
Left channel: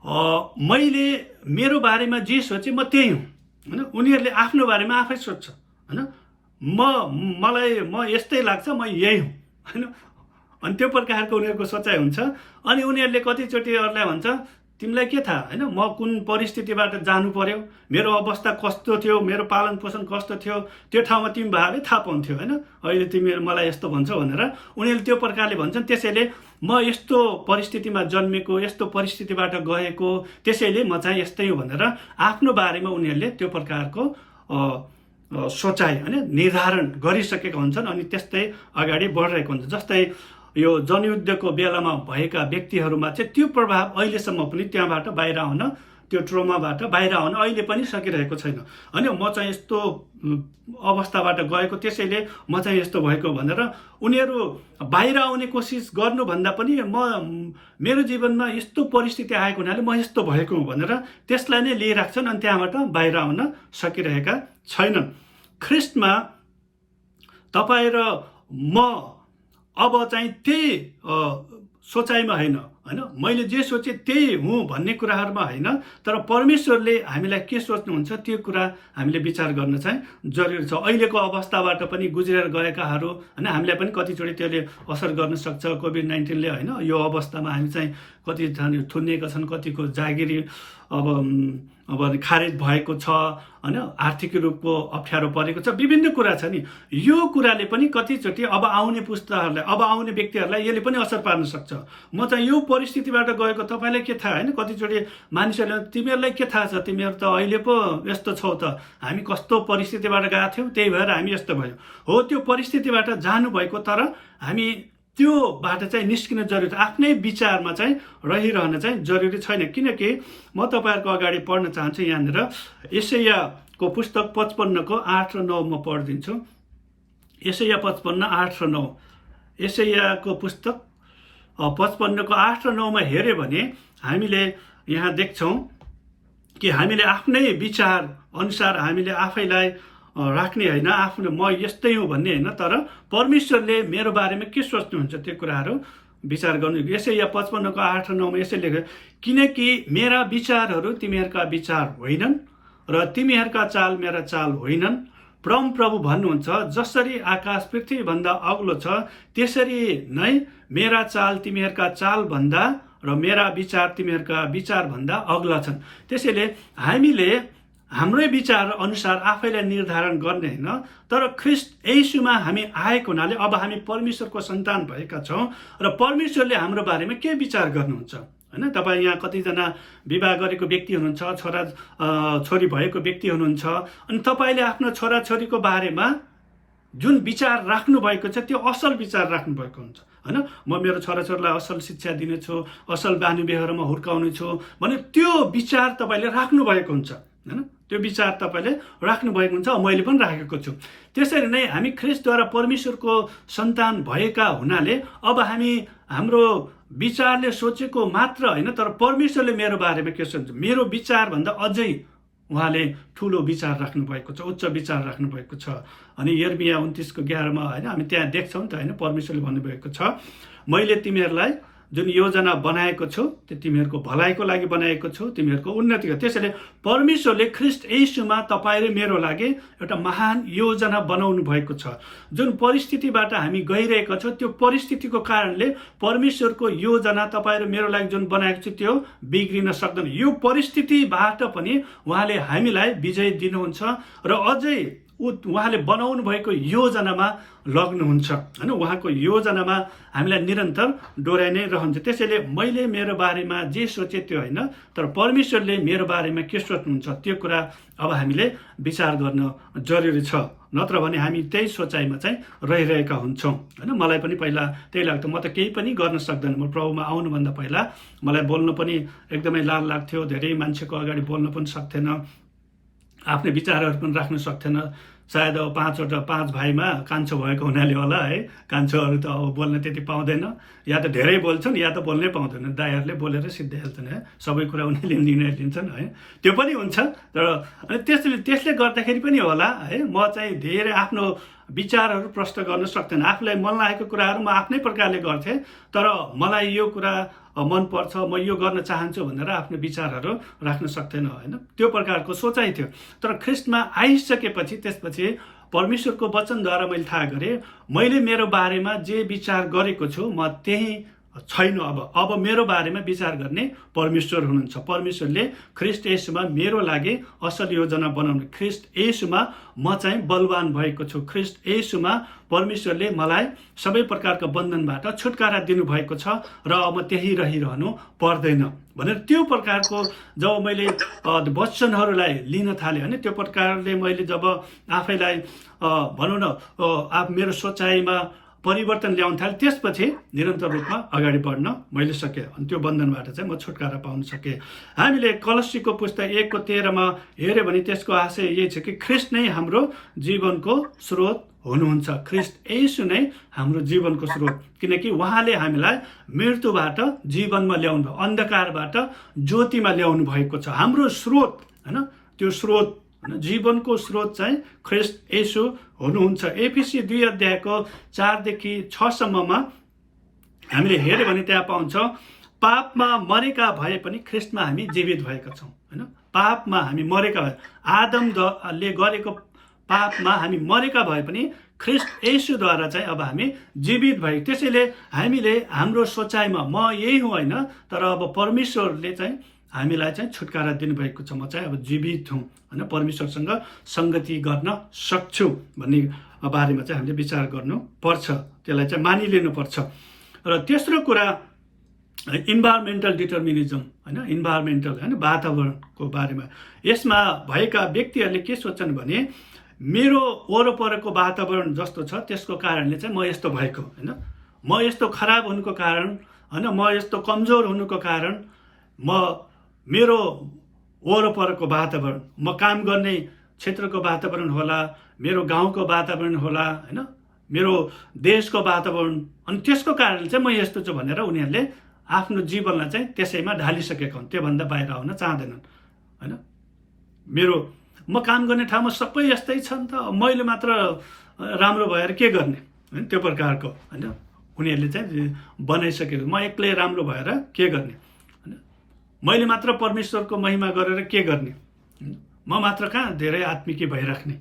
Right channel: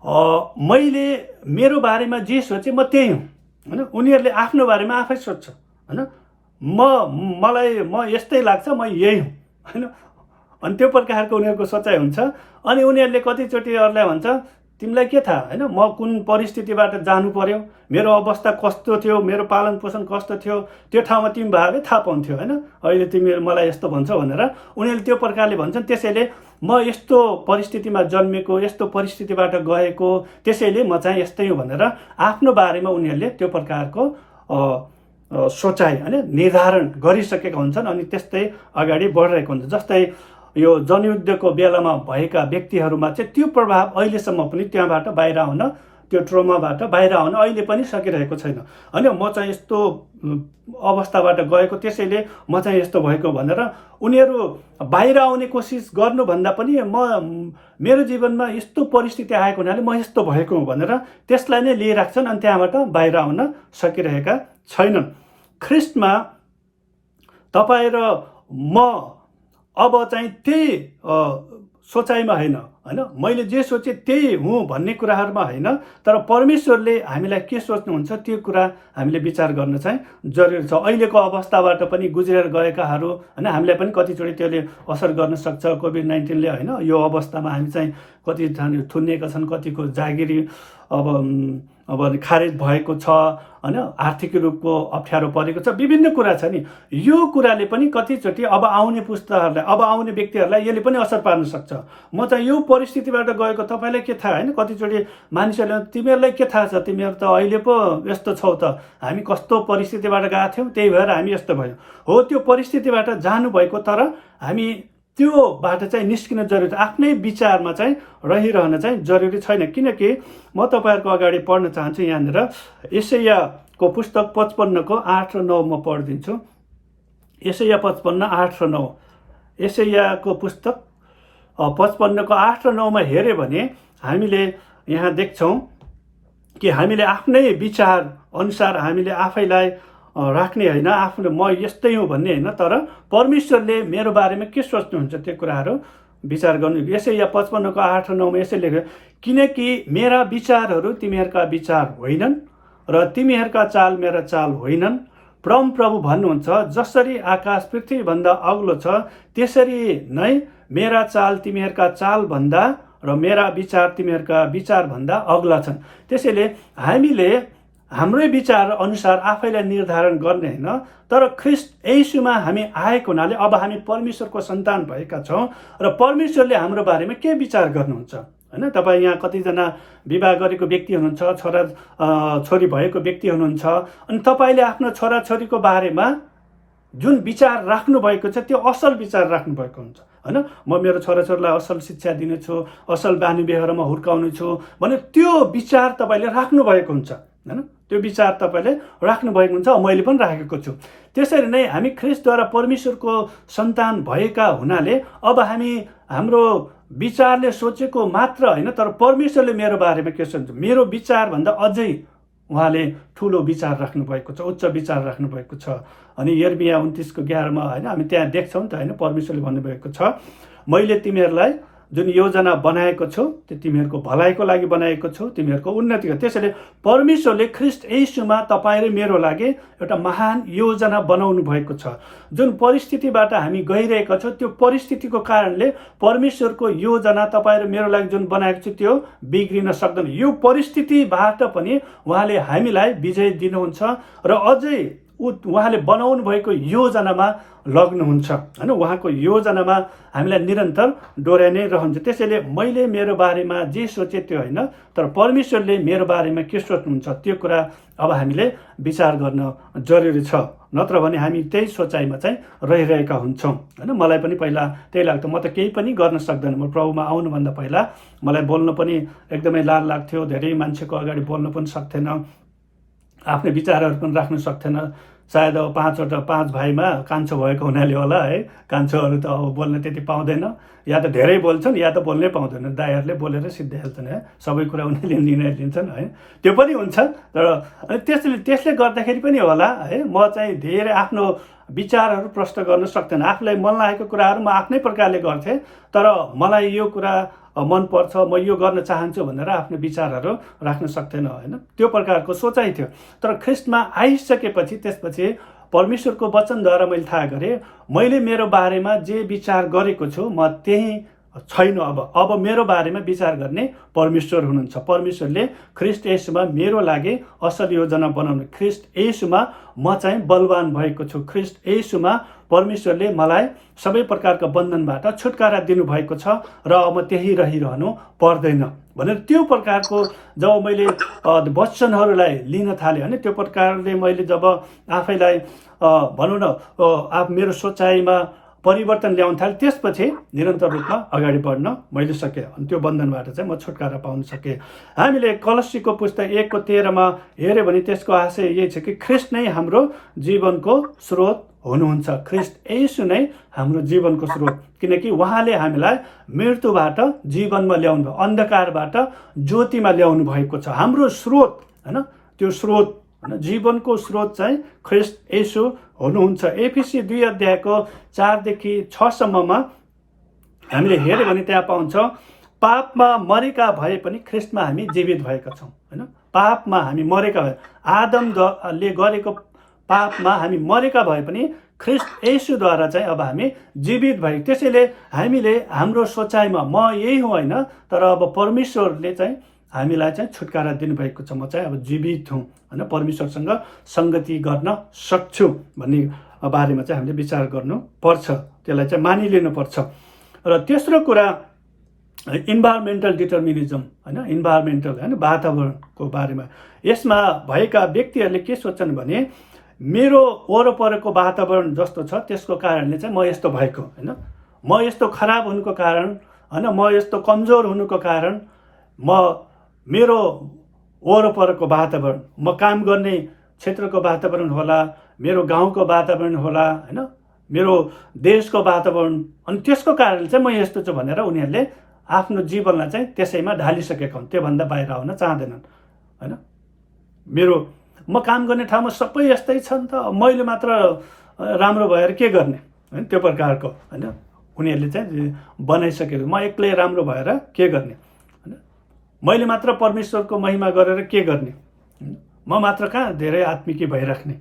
मैले मेरो बारेमा जे सोचेँ म त्यही हुँ होइन। उनीहरूले आफ्नो बारेमा आफै सोध्छ होइन, म यस्तै लाग्छ, म यही हुँ होइन। अनि त्यो प्रकारको उनीहरूको सोचाइ हुन्छ। अनि उनीहरूले कतिचोटि अरूलाई भन्छ तिमीलाई के थाहा होइन, म कुन परिस्थितिबाट जानु पर्यो, मेरो अवस्था कस्तो थियो, मेरो पालन पोषण कस्तो थियो, त्यो ठाउँमा तिमी भए थाहा पाउँथ्यो होइन। अहिले तिमी मलाई यस्तो भन्छौ भनेर उनीहरूले त्यो प्रकारले भन्छन्। त्यसैले म यस्तो परिस्थितिमा जन्मेको, यस्तो परिस्थितिबाट गएको, त्यसैले म चाहिँ यस्तै हो भनेर आफ्नो बारेमा उनीहरूले त्यो प्रकारको सोचाइ होइन निर्धारण गरिसकेका हुन्छन् अनि त्यस्तै अगाडि बढिरहेको हुन्छ। जस्तै यो जनयुद्धको बेलामा भएका व्यक्तिहरूमा चाहिँ त्यो प्रभाव अहिलेसम्म पनि त्यहाँबाट बाहिर आउन, त्यो ट्रोमाबाट बाहिर आउन अहिले पनि सकिरहेको छैन। होइन म चाहिँ यस्तो अवस्थाबाट गएको, त्यसैले म चाहिँ यस्तो भएको भनेर उनीहरू बाहिर आउने कोसिस गर्नुभन्दा पनि मेरो जीवनमा यस्तो परिस्थिति आएको हुनाले म यस्तो भएको भनेर त्यसलाई नै लिइराख्छन् अनि त्यहाँबाट बाहिर आउन सकिरहेका छैनन्। ख्रिस्टमा तपाईँ र म अब चाहिँ त्यही सोचाइमा होइन, मैले जे सोचेँ त्यही हुँ भन्ने कुराहरूमा होइन, तर परमेश्वरले हामीलाई के सोच्नुहुन्छ त्यो कुरा हामीले विचार गर्न चाहिँ जरुरी छ। अहिलेको अवस्थाबाट पनि गुज्रेर गएकाहरू होइन, हामीलाई पनि कतिचोटि त्यसले असर गर्न सक्छ। कोभिड-19ले होइन, यो अवस्थामा हामी चाहिँ कति थुनिएका छन्, कतिको जागिरी अब खारेज भएको छ होइन, आर्थिक रूपको अप्ठ्यारो परेको छ, विभिन्न कुरा छ नि। यो कुराले पनि कतिचोटि अब आउने पुस्ताहरूलाई, अब आउने व्यक्तिहरूलाई यसले पनि असर पार्न सक्छ। म चाहिँ यो परिस्थितिबाट गएको, तपाईँलाई के थाहा होइन। कतिचोटि मानिसहरूले तिमीहरूलाई के थाहा छ, तिमीहरू त अहिले पो यस्तो छौ त, हामी कस्तो परिस्थितिबाट गएको थियौँ त्यही भएर हामी यस्तो भयौँ। हो, त्यो परिस्थितिबाट जानुभएको, तर हामी त्योबाट चाहिँ निस्किन जरुरी छ। आफ्नै विचारमा चाहिँ रहिरहन चाहिँ जरुरी छैन। किनकि म तपाईँहरूको अगाडि पढ्न चाहन्छु यहाँनिर यशायाको पुस्तक 55को 8 र 9 म पढिदिन्छु। यशाया 55, 8 र 9। यशायाको पुस्तक 55को 8 र 9 मा हेऱ्यो भने हामीले यहाँ देख्छौँ कि हामीले आफ्नै विचार अनुसार हामीले आफैलाई राख्ने होइन, आफ्नो म यस्तै हुँ भन्ने होइन, तर परमेश्वरले मेरो बारेमा के सोच्नुहुन्छ त्यो कुराहरू विचार गर्नु। यशाया 55को 8 र 9 मा यसै लेख्यो, किनकि मेरा विचारहरू तिमीहरूका विचार होइनन् र तिमीहरूका चाल मेरा चाल होइनन्। परमप्रभु भन्नुहुन्छ, जसरी आकाश पृथ्वीभन्दा अग्लो छ त्यसरी नै मेरा चाल तिमीहरूका चालभन्दा र मेरा विचार तिमीहरूका विचारभन्दा अग्ला छन्। त्यसैले हामीले हाम्रै विचार अनुसार आफैलाई निर्धारण गर्ने होइन, तर ख्रिस्ट येशूमा हामी आएको हुनाले अब हामी परमेश्वरको सन्तान भएका छौँ र परमेश्वरले हाम्रो बारेमा के विचार गर्नुहुन्छ होइन। तपाईँ यहाँ कतिजना विवाह गरेको व्यक्ति हुनुहुन्छ, छोरा छोरी भएको व्यक्ति हुनुहुन्छ, अनि तपाईँले आफ्नो छोराछोरीको बारेमा जुन विचार राख्नुभएको छ त्यो असल विचार राख्नुभएको हुन्छ होइन। म मेरो छोराछोरीलाई असल शिक्षा दिनेछु, असल बानी व्यवहारमा हुर्काउने छु भने त्यो विचार तपाईँले राख्नुभएको हुन्छ होइन। त्यो विचार तपाईँले राख्नुभएको हुन्छ, मैले पनि राखेको छु। त्यसरी नै हामी ख्रिस्टद्वारा परमेश्वरको सन्तान भएका हुनाले अब हामी हाम्रो विचारले सोचेको मात्र होइन, तर परमेश्वरले मेरो बारेमा के सोच्छ, मेरो विचारभन्दा अझै उहाँले ठुलो विचार राख्नुभएको छ, उच्च विचार राख्नुभएको छ। अनि यर्मिया 29:11 मा होइन हामी त्यहाँ देख्छौँ त होइन, परमेश्वरले भन्नुभएको छ, मैले तिमीहरूलाई जुन योजना बनाएको छु त्यो तिमीहरूको भलाइको लागि बनाएको छु, तिमीहरूको उन्नतिको। त्यसैले परमेश्वरले ख्रिस्ट येशूमा तपाईँ र मेरो लागि एउटा महान योजना बनाउनु भएको छ। जुन परिस्थितिबाट हामी गइरहेका छौँ त्यो परिस्थितिको कारणले परमेश्वरको योजना तपाईँ र मेरो लागि जुन बनाएको छु त्यो बिग्रिन सक्दैन। यो परिस्थितिबाट पनि उहाँले हामीलाई विजय दिनुहुन्छ र अझै उहाँले बनाउनु भएको योजनामा लग्नुहुन्छ होइन। उहाँको योजनामा हामीलाई निरन्तर डोर्याइ नै रहन्छ। त्यसैले मैले मेरो बारेमा जे सोचेँ त्यो होइन, तर परमेश्वरले मेरो बारेमा के सोच्नुहुन्छ त्यो कुरा अब हामीले विचार गर्न जरुरी छ। नत्र भने हामी त्यही सोचाइमा चाहिँ रहिरहेका हुन्छौँ होइन। मलाई पनि पहिला त्यही लाग्थ्यो, म त केही पनि गर्न सक्दैन। म प्रभुमा आउनुभन्दा पहिला मलाई बोल्न पनि एकदमै लाज लाग्थ्यो, धेरै मान्छेको अगाडि बोल्न पनि सक्थेन, आफ्नै विचारहरू पनि राख्न सक्थेन। सायद अब 5 भाइमा कान्छो भएको हुनाले होला है, कान्छोहरू त अब बोल्न त्यति पाउँदैन, या त धेरै बोल्छन् या त बोल्नै पाउँदैन। दाइहरूले बोलेर सिद्धाइहाल्छन् है, सबै कुरा उनीहरूले निर्णय लिन्छन् है, त्यो पनि हुन्छ। तर त्यसले गर्दाखेरि पनि होला है, म चाहिँ धेरै आफ्नो विचारहरू प्रष्ट गर्न सक्दैन। आफूलाई मन लागेको कुराहरू म आफ्नै प्रकारले गर्थेँ, तर मलाई यो कुरा मनपर्छ, म यो गर्न चाहन्छु भनेर आफ्नो विचारहरू राख्न सक्दैन होइन। त्यो प्रकारको सोचाइ थियो। तर ख्रिस्टमा आइसकेपछि त्यसपछि परमेश्वरको वचनद्वारा मैले थाहा गरेँ, मैले मेरो बारेमा जे विचार गरेको छु म त्यही छैन। अब मेरो बारेमा विचार गर्ने परमेश्वर हुनुहुन्छ। परमेश्वरले ख्रिस्ट येशूमा मेरो लागि असल योजना बनाउनु। ख्रिस्ट येशूमा म चाहिँ बलवान भएको छु। ख्रिस्ट येशूमा परमेश्वरले मलाई सबै प्रकारका बन्धनबाट छुटकारा दिनुभएको छ र अब त्यही रहिरहनु पर्दैन भनेर त्यो प्रकारको जब मैले वचनहरूलाई लिन थालेँ होइन, त्यो प्रकारले मैले जब आफैलाई भनौँ न मेरो सोचाइमा परिवर्तन ल्याउन थालेँ, त्यसपछि निरन्तर रूपमा अगाडि बढ्न मैले सकेँ। अनि त्यो बन्धनबाट चाहिँ म छुटकारा पाउन सकेँ। हामीले कलस्सीको पुस्तक 1:13 हेऱ्यो भने त्यसको आशय यही छ कि ख्रिस्ट नै हाम्रो जीवनको स्रोत हुनुहुन्छ। ख्रिस्ट येशू नै हाम्रो जीवनको स्रोत, किनकि उहाँले हामीलाई मृत्युबाट जीवनमा ल्याउनु भयो, अन्धकारबाट ज्योतिमा ल्याउनु भएको छ। हाम्रो स्रोत होइन, त्यो स्रोत होइन, जीवनको स्रोत चाहिँ ख्रिस्ट येशू हुनुहुन्छ। एफिसी 2:4-6 हामीले हेऱ्यो भने त्यहाँ पाउँछ, पापमा मरेका भए पनि ख्रिस्टमा हामी जीवित भएका छौँ होइन। पापमा हामी मरेका भए, आदमले गरेको पापमा हामी मरेका भए पनि ख्रिस्ट येशूद्वारा चाहिँ अब हामी जीवित भए। त्यसैले हामीले हाम्रो सोचाइमा म यही हुँ होइन, तर अब परमेश्वरले चाहिँ हामीलाई चाहिँ छुटकारा दिनुभएको छ। म चाहिँ अब जीवित हुँ होइन, परमेश्वरसँग सङ्गति गर्न सक्छु भन्ने बारेमा चाहिँ हामीले विचार गर्नुपर्छ, त्यसलाई चाहिँ मानिलिनुपर्छ। र तेस्रो कुरा इन्भाइरोमेन्टल डिटर्मिनिजम होइन, इन्भाइरोमेन्टल होइन, वातावरणको बारेमा। यसमा भएका व्यक्तिहरूले के सोच्छन् भने मेरो वरपरको वातावरण जस्तो छ त्यसको कारणले चाहिँ म यस्तो भएको होइन, म यस्तो खराब हुनुको कारण होइन, म यस्तो कमजोर हुनुको कारण मेरो वरपरको वातावरण, म काम गर्ने क्षेत्रको वातावरण होला, मेरो गाउँको वातावरण होला होइन, मेरो देशको वातावरण, अनि त्यसको कारणले चाहिँ म यस्तो छु भनेर उनीहरूले आफ्नो जीवनलाई चाहिँ त्यसैमा ढालिसकेका हुन्, त्योभन्दा बाहिर आउन चाहँदैनन् होइन। म काम गर्ने ठाउँमा सबै यस्तै छ नि त, मैले मात्र राम्रो भएर के गर्ने होइन, त्यो प्रकारको होइन उनीहरूले चाहिँ बनाइसकेको, म एक्लै राम्रो भएर के गर्ने होइन, मैले मात्र परमेश्वरको महिमा गरेर के गर्ने, म मात्र कहाँ धेरै आत्मिकी भइराख्ने,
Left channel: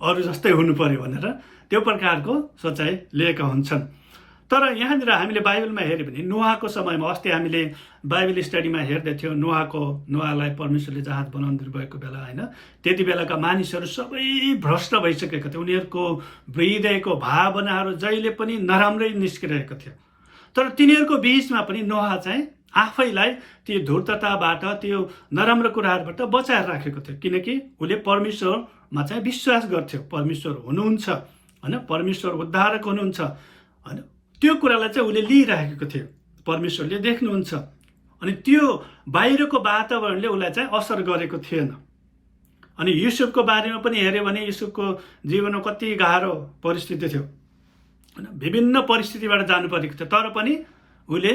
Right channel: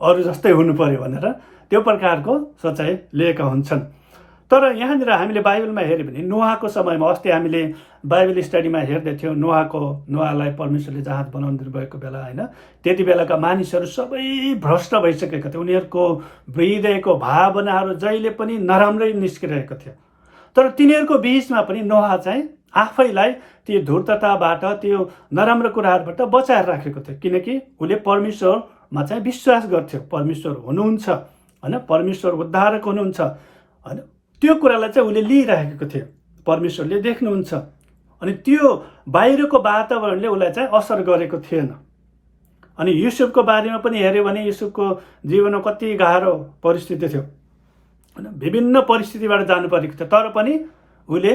अरू जस्तै हुनु पर्यो भनेर त्यो प्रकारको सोचाइ लिएका हुन्छन्। तर यहाँनिर हामीले बाइबलमा हेऱ्यो भने नोआको समयमा, अस्ति हामीले बाइबल स्टडीमा हेर्दै थियौँ, नोआलाई परमेश्वरले जहाज बनाउनु दिनुभएको बेला होइन, त्यति बेलाका मानिसहरू सबै भ्रष्ट भइसकेका थिए। उनीहरूको हृदयको भावनाहरू जहिले पनि नराम्रै निस्किरहेको थियो। तर तिनीहरूको बिचमा पनि नोआ चाहिँ आफैलाई त्यो धूर्तताबाट, त्यो नराम्रो कुराहरूबाट बचाएर राखेको थियो, किनकि उसले परमेश्वरमा चाहिँ विश्वास गर्थ्यो। परमेश्वर हुनुहुन्छ होइन, परमेश्वर उद्धारक हुनुहुन्छ होइन, त्यो कुरालाई चाहिँ उसले लिइराखेको थियो, परमेश्वरले देख्नुहुन्छ। अनि त्यो बाहिरको वातावरणले उसलाई चाहिँ असर गरेको थिएन। अनि युसुफको बारेमा पनि हेऱ्यो भने युसुफको जीवनमा कति गाह्रो परिस्थिति थियो होइन, विभिन्न परिस्थितिबाट जानु परेको थियो, तर पनि उसले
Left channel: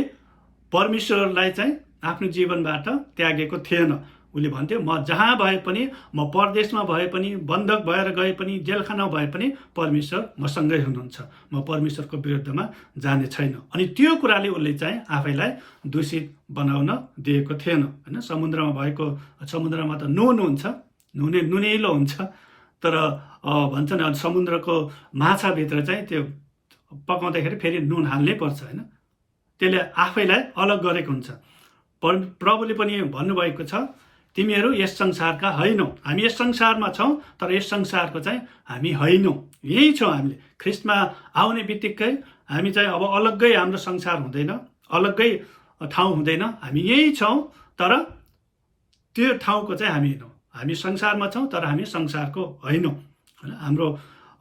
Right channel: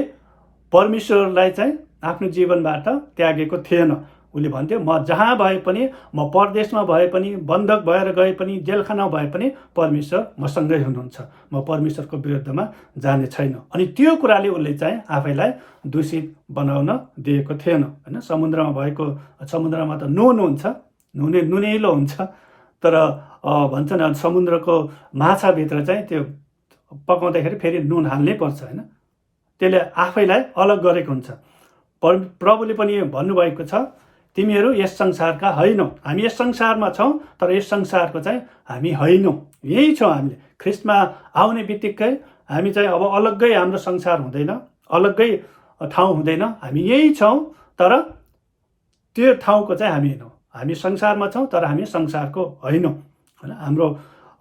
परमेश्वरलाई चाहिँ आफ्नो जीवनबाट त्यागेको थिएन। उसले भन्थ्यो, म जहाँ भए पनि, म परदेशमा भए पनि, बन्धक भएर गए पनि, जेलखाना भए पनि परमेश्वर मसँगै हुनुहुन्छ, म परमेश्वरको विरुद्धमा जाने छैन। अनि त्यो कुराले उसले चाहिँ आफैलाई दूषित बनाउन दिएको थिएन होइन। समुद्रमा त नुन हुन्छ, नुनिलो हुन्छ, तर भन्छ नि समुद्रको माछाभित्र चाहिँ त्यो पकाउँदाखेरि फेरि नुन हाल्नै पर्छ होइन, त्यसले आफैलाई अलग गरेको हुन्छ। प्रभुले पनि भन्नुभएको छ, तिमीहरू यस संसारका होइनौ, हामी यस संसारमा छौँ तर यस संसारको चाहिँ हामी होइनौँ, यही छौँ। हामीले ख्रिस्टमा आउने बित्तिकै हामी चाहिँ अब अलग्गै हाम्रो संसार हुँदैन, अलग्गै ठाउँ हुँदैन, हामी यही छौँ तर त्यो ठाउँको चाहिँ हामी होइनौँ। हामी संसारमा छौँ तर हामी संसारको होइनौँ होइन। हाम्रो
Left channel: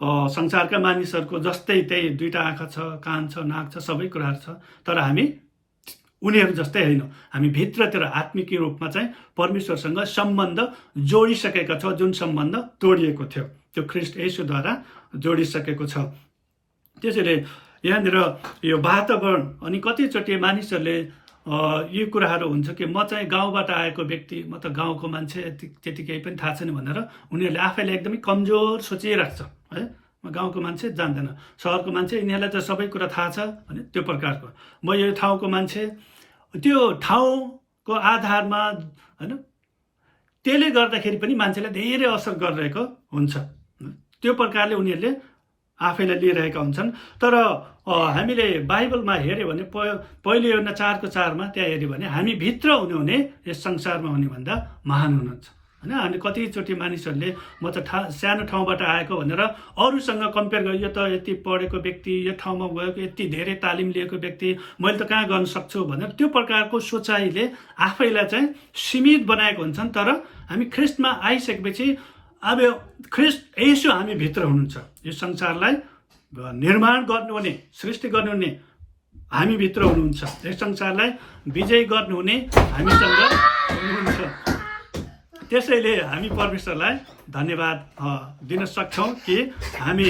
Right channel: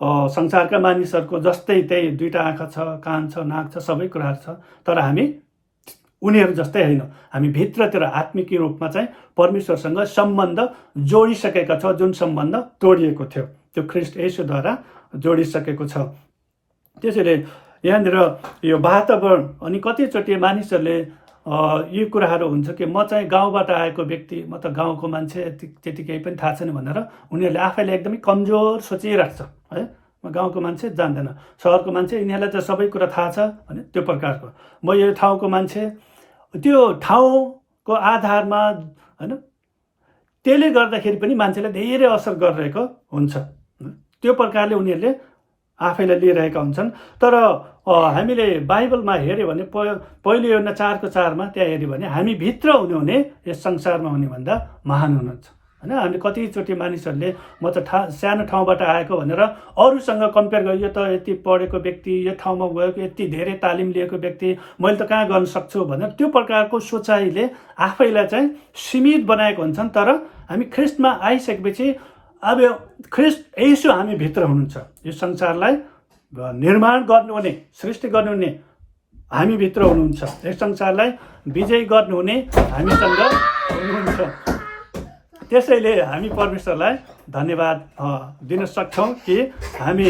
संसारका मानिसहरूको जस्तै त्यही दुईटा आँखा छ, कान छ, नाक छ, सबै कुराहरू छ, तर हामी उनीहरू जस्तै होइन। हामी भित्रतिर आत्मिक रूपमा चाहिँ परमेश्वरसँग सम्बन्ध जोडिसकेका छौँ, जुन सम्बन्ध तोडिएको थियो त्यो ख्रिस्ट येशूद्वारा जोडिसकेको छ। त्यसैले यहाँनिर यो वातावरण, अनि कतिचोटि मानिसहरूले यो कुराहरू हुन्छ कि म चाहिँ गाउँबाट आएको व्यक्ति, म त गाउँको मान्छे, त्यति केही पनि थाहा छैन भनेर उनीहरूले आफैले एकदमै कमजोर सोचिराख्छ है। म गाउँको मान्छे जान्दैन, सहरको मान्छे, यिनीहरूलाई त सबै कुरा थाहा छ भने त्यो प्रकारको, म यो ठाउँको मान्छे, त्यो ठाउँको आधारमा होइन, त्यसले गर्दाखेरि पनि मान्छेलाई धेरै असर गरिरहेको हुन्छ। त्यो प्रकारले उनीहरूले आफैलाई लिइरहेका हुन्छन्। तर हामीले बाइबलमा हेऱ्यो भने पहिलो योहन्ना 4:4 त्यहाँ हेऱ्यो भने हामी भित्र हुनुहुने यस संसारमा हुनेभन्दा महान हुनुहुन्छ होइन। अनि कतिचोटि मानिसहरूले म त सानो ठाउँबाट आएको भनेर अरूसँग कम्पेयर गर्यो, यो त यति पढेको व्यक्ति, यो ठाउँमा गएको, यति धेरै तालिम लिएको व्यक्ति, मैले त कहाँ गर्न सक्छु भनेर त्यो प्रकारको सोचाइले आफैलाई चाहिँ सीमित बनाएको हुन्छन्। तर हामी ख्रिस्टमा आइसकेपछि अब ख्रिस्ट यसो हामी भित्र हुनुहुन्छ, यो संसारलाई निर्माण गर्नुहुने, सृष्टि गर्नुहुने हामी भित्र हुनुहुन्छ, यस संसारलाई विजय गर्नुहुने हामीसँग हुनुहुन्छ। त्यसैले हामी परमेश्वरलाई धन्यवाद दिन सक्छौँ कि हामी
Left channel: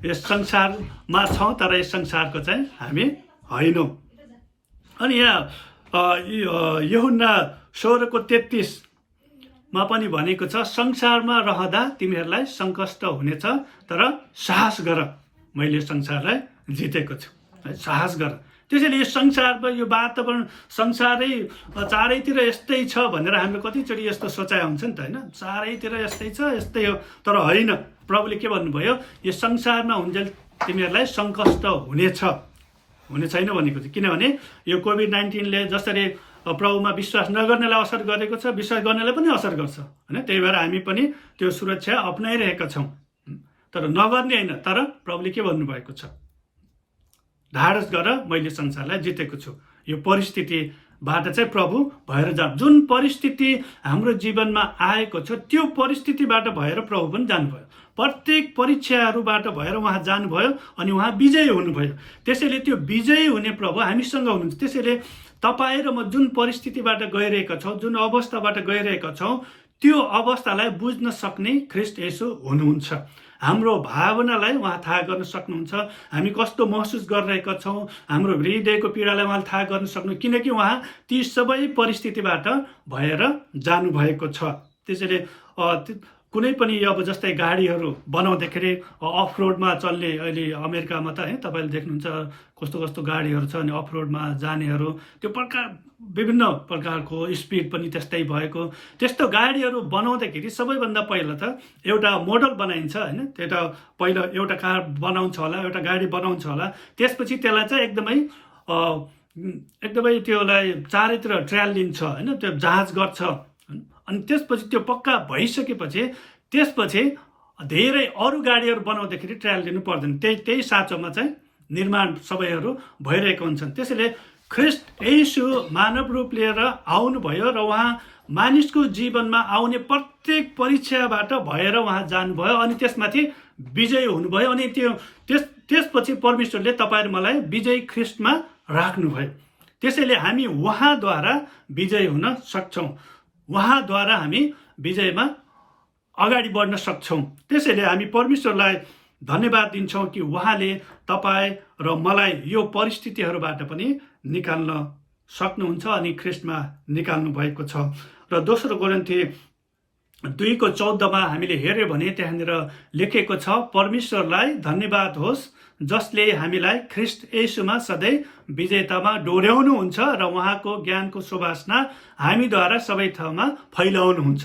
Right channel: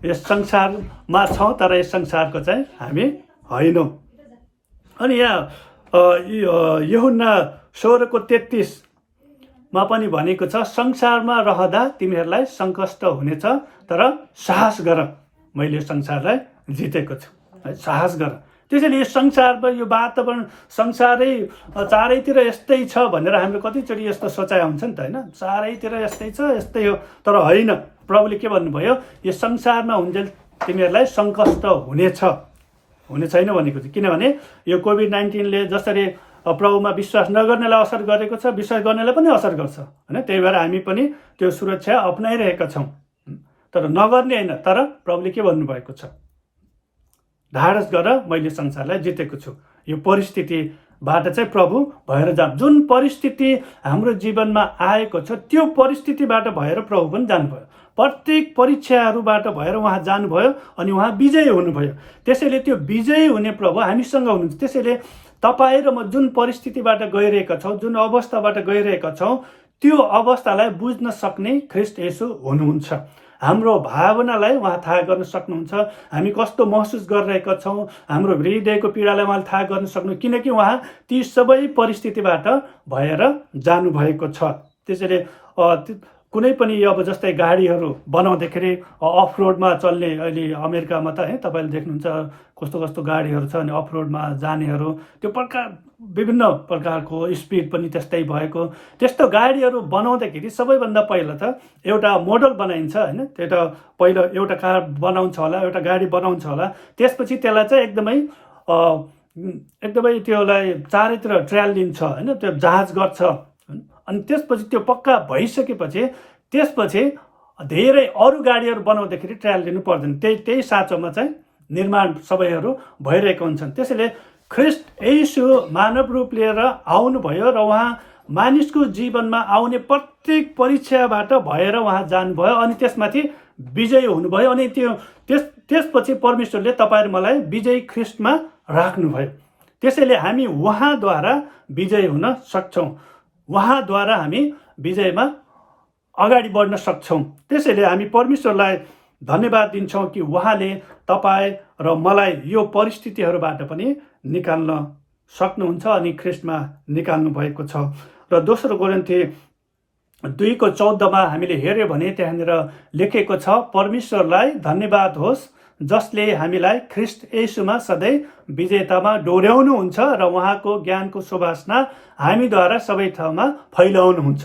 यस संसारमा छौँ तर यस संसारको चाहिँ हामी होइनौँ। अनि यहाँ यूहन्ना 16:33 पनि भनेको छ, संसारमा रहँदा तिमीहरूलाई सङ्कष्ट हुनेछ तर साहस गर, मैले संसारलाई जितेको छु है, साहस गर। त्यसैले यो संसारमा यो वातावरण संसारै चारैतिर यस्तै छ भनेर हाम्रो कतिचोटि यस्तो सोचाइ हुन्छ नि त होइन, चारैतिर यस्तै छ यस्तै हो। तर होइन, प्रभुले के भन्नुभयो, यो संसारमा हुन्जेल तिमीहरूलाई सङ्कष्ट हुने छैन भनेको छ। किनभने यो कोभिड-19ले जसरी प्रभुमा विश्वास नगर्नेलाई असर गरेको छ, विश्वास गर्नेलाई पनि असर गर्छ होइन। त्यही भएर हामी पनि त्यो सुरक्षा अपनाइरहेका छौँ, तर नगर्ने होइन। तर प्रभुले के भन्नुभएको छ, ढाडस गर, मैले संसारलाई जितेको छु। यो परिस्थितिबाट चाहिँ प्रभु भएर जानु, जुन परिस्थिति हाम्रो जीवनमा आएको छ त्यो परिस्थितिबाट भएर प्रभु पनि जानुभयो, प्रत्येक परीक्षाहरूबाट भएर उहाँ जानुभयो अनि उहाँ विजयी हुनुभयो। त्यसैले त्यो विजयी हुने प्रभु हामीसँग हुनुहुन्छ। त्यसैले तपाईँ र म जुन परिस्थितिबाट गइरहेका छौँ, जुन अवस्थाबाट गइरहेका छौँ, त्यो अवस्थालाई बुझ्न सक्ने ख्रिस्ट येशू हुनुहुन्छ। हाम्रो भावनालाई उहाँ थाहा गर्न सक्नुहुन्छ, हामी कस्तो महसुस गरिरहेका छौँ, हाम्रो हृदयको पीडालाई उहाँले थाहा गर्न सक्नु, किनकि उहाँ ती सबै परिस्थितिबाट भएर जानुभएको छ। त्यसैले कुनै पनि अब जस्तै गाडीहरू बनाउँदाखेरि अफ रोडमा चल्ने, अहिले अमेरिकामा त है तपाईँले देख्नुहुन्छ कस्तो कस्तो गाडीहरू छ, अनि अफ रोडमा जानेहरू त्यो विभिन्न प्रकारको स्पिड पनि त्यस्तै भएको, त्यस्तो गाडीहरू बनाउँदाखेरि सबैभन्दा पहिला त एउटा मोडल बनाइन्छ होइन। त्यो त पहिला एउटा कार बनाउँछ होला, एउटा गाडी बनाउँछ होला, त्यसपछि त्यसलाई चाहिँ एकदमै त्यसलाई चारैतिर ट्रायल लिन्छ होइन, त्यो जाँच गर्छ। अनि त्यसपछि त्यो पक्का भइसकेपछि त्यसपछि धेरै अरू गाडीहरू बनाउँदाखेरि ट्रायल लिनु पर्दैन। त्यही साँचोमा चाहिँ निर्माण सबैहरू भइरहेको हुन्छन्। त्यसैले ख्रिस्ट येशू मानव रूप लिएर आउनुभयो र उहाँ मानिसको जीवनमा आउने प्रत्येक परीक्षाबाट भएर उहाँ जानुभयो अनि त्यसमाथि विजयी हुनुभयो। अनि त्यसपछि परमेश्वरले तपाईँ र मलाई विजयी ख्रिस्टमा राख्नुभयो। त्यसैले हामी उहाँद्वारा विजयी हुन सक्छौँ, उहाँद्वारा हामी विजयमा अगाडि बढ्न सक्छौँ। त्यसैले हामी परमेश्वरलाई धन्यवाद दिन्छौँ कि उहाँले तपाईँ र मलाई यो परिस्थितिहरूबाट पनि निकाल्न सक्नुहुन्छ अनि ख्रिस्टमा निकाल्नु भएको छ। र दोस्रो कोरिन्थी 2:14 हामीले हेऱ्यो भने त्यहाँनिर लेखेको छ, परमेश्वरलाई धन्यवाद होस् जसले हामीलाई ख्रिस्ट येशूमा सधैँ विजेतामा डोर्याउनुहुन्छ र उहाँको ज्ञानको सुवासना हामीद्वारा सबै ठाउँमा फैलाउनुहुन्छ।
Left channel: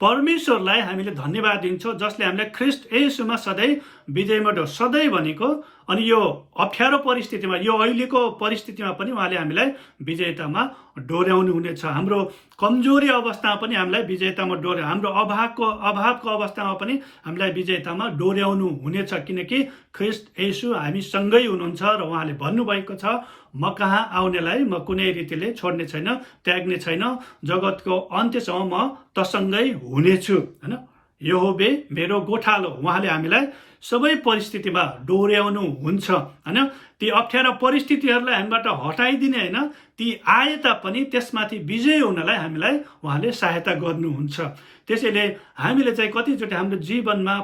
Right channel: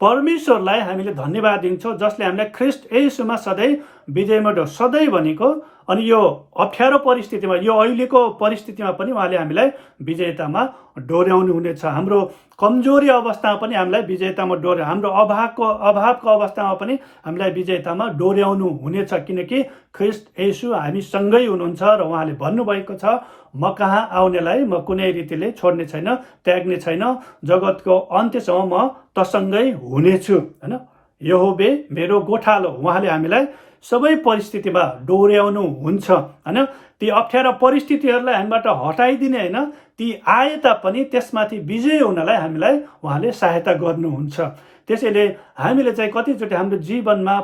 परमेश्वरलाई हामीले धन्यवाद दिन्छौँ जसले हामीलाई ख्रिस्ट येशूमा सधैँ विजयमा सधैँ भनेको अनि यो अप्ठ्यारो परिस्थितिमा, यो अहिलेको परिस्थितिमा पनि उहाँले हामीलाई विजेतामा डोर्याउनु हुनेछ। हाम्रो कमजोरी अवस्थामा पनि हामीलाई विजेतामा हाम्रो अभावको अवस्थामा पनि हामीलाई विजेतामा डोर्याउनु हुनेछ, किनकि ख्रिस्ट येशू हामीसँगै हुनुहुन्छ र उहाँले भन्नुभएको छ, म कहाँ आउनेलाई म कुनै रीतिले छोड्ने छैन, त्याग्ने छैन, जगतको अन्त्यसम्म म तसँगै हुनेछु होइन। यहोवे मेरो गोठालो, उहाँले हामीलाई सबै परिस्थितिमा डोर्याउनु हुन्छ होइन। ती अप्ठ्यारा परिस्थितिहरूलाई हामीबाट हटाइदिने होइन, ती आए तापनि त्यसमाथि विजय हुनलाई हामीलाई उहाँले सहायता गर्नुहुन्छ। त्यसैले हामीले चाहिँ कतिचोटि हाम्रो जीवनमा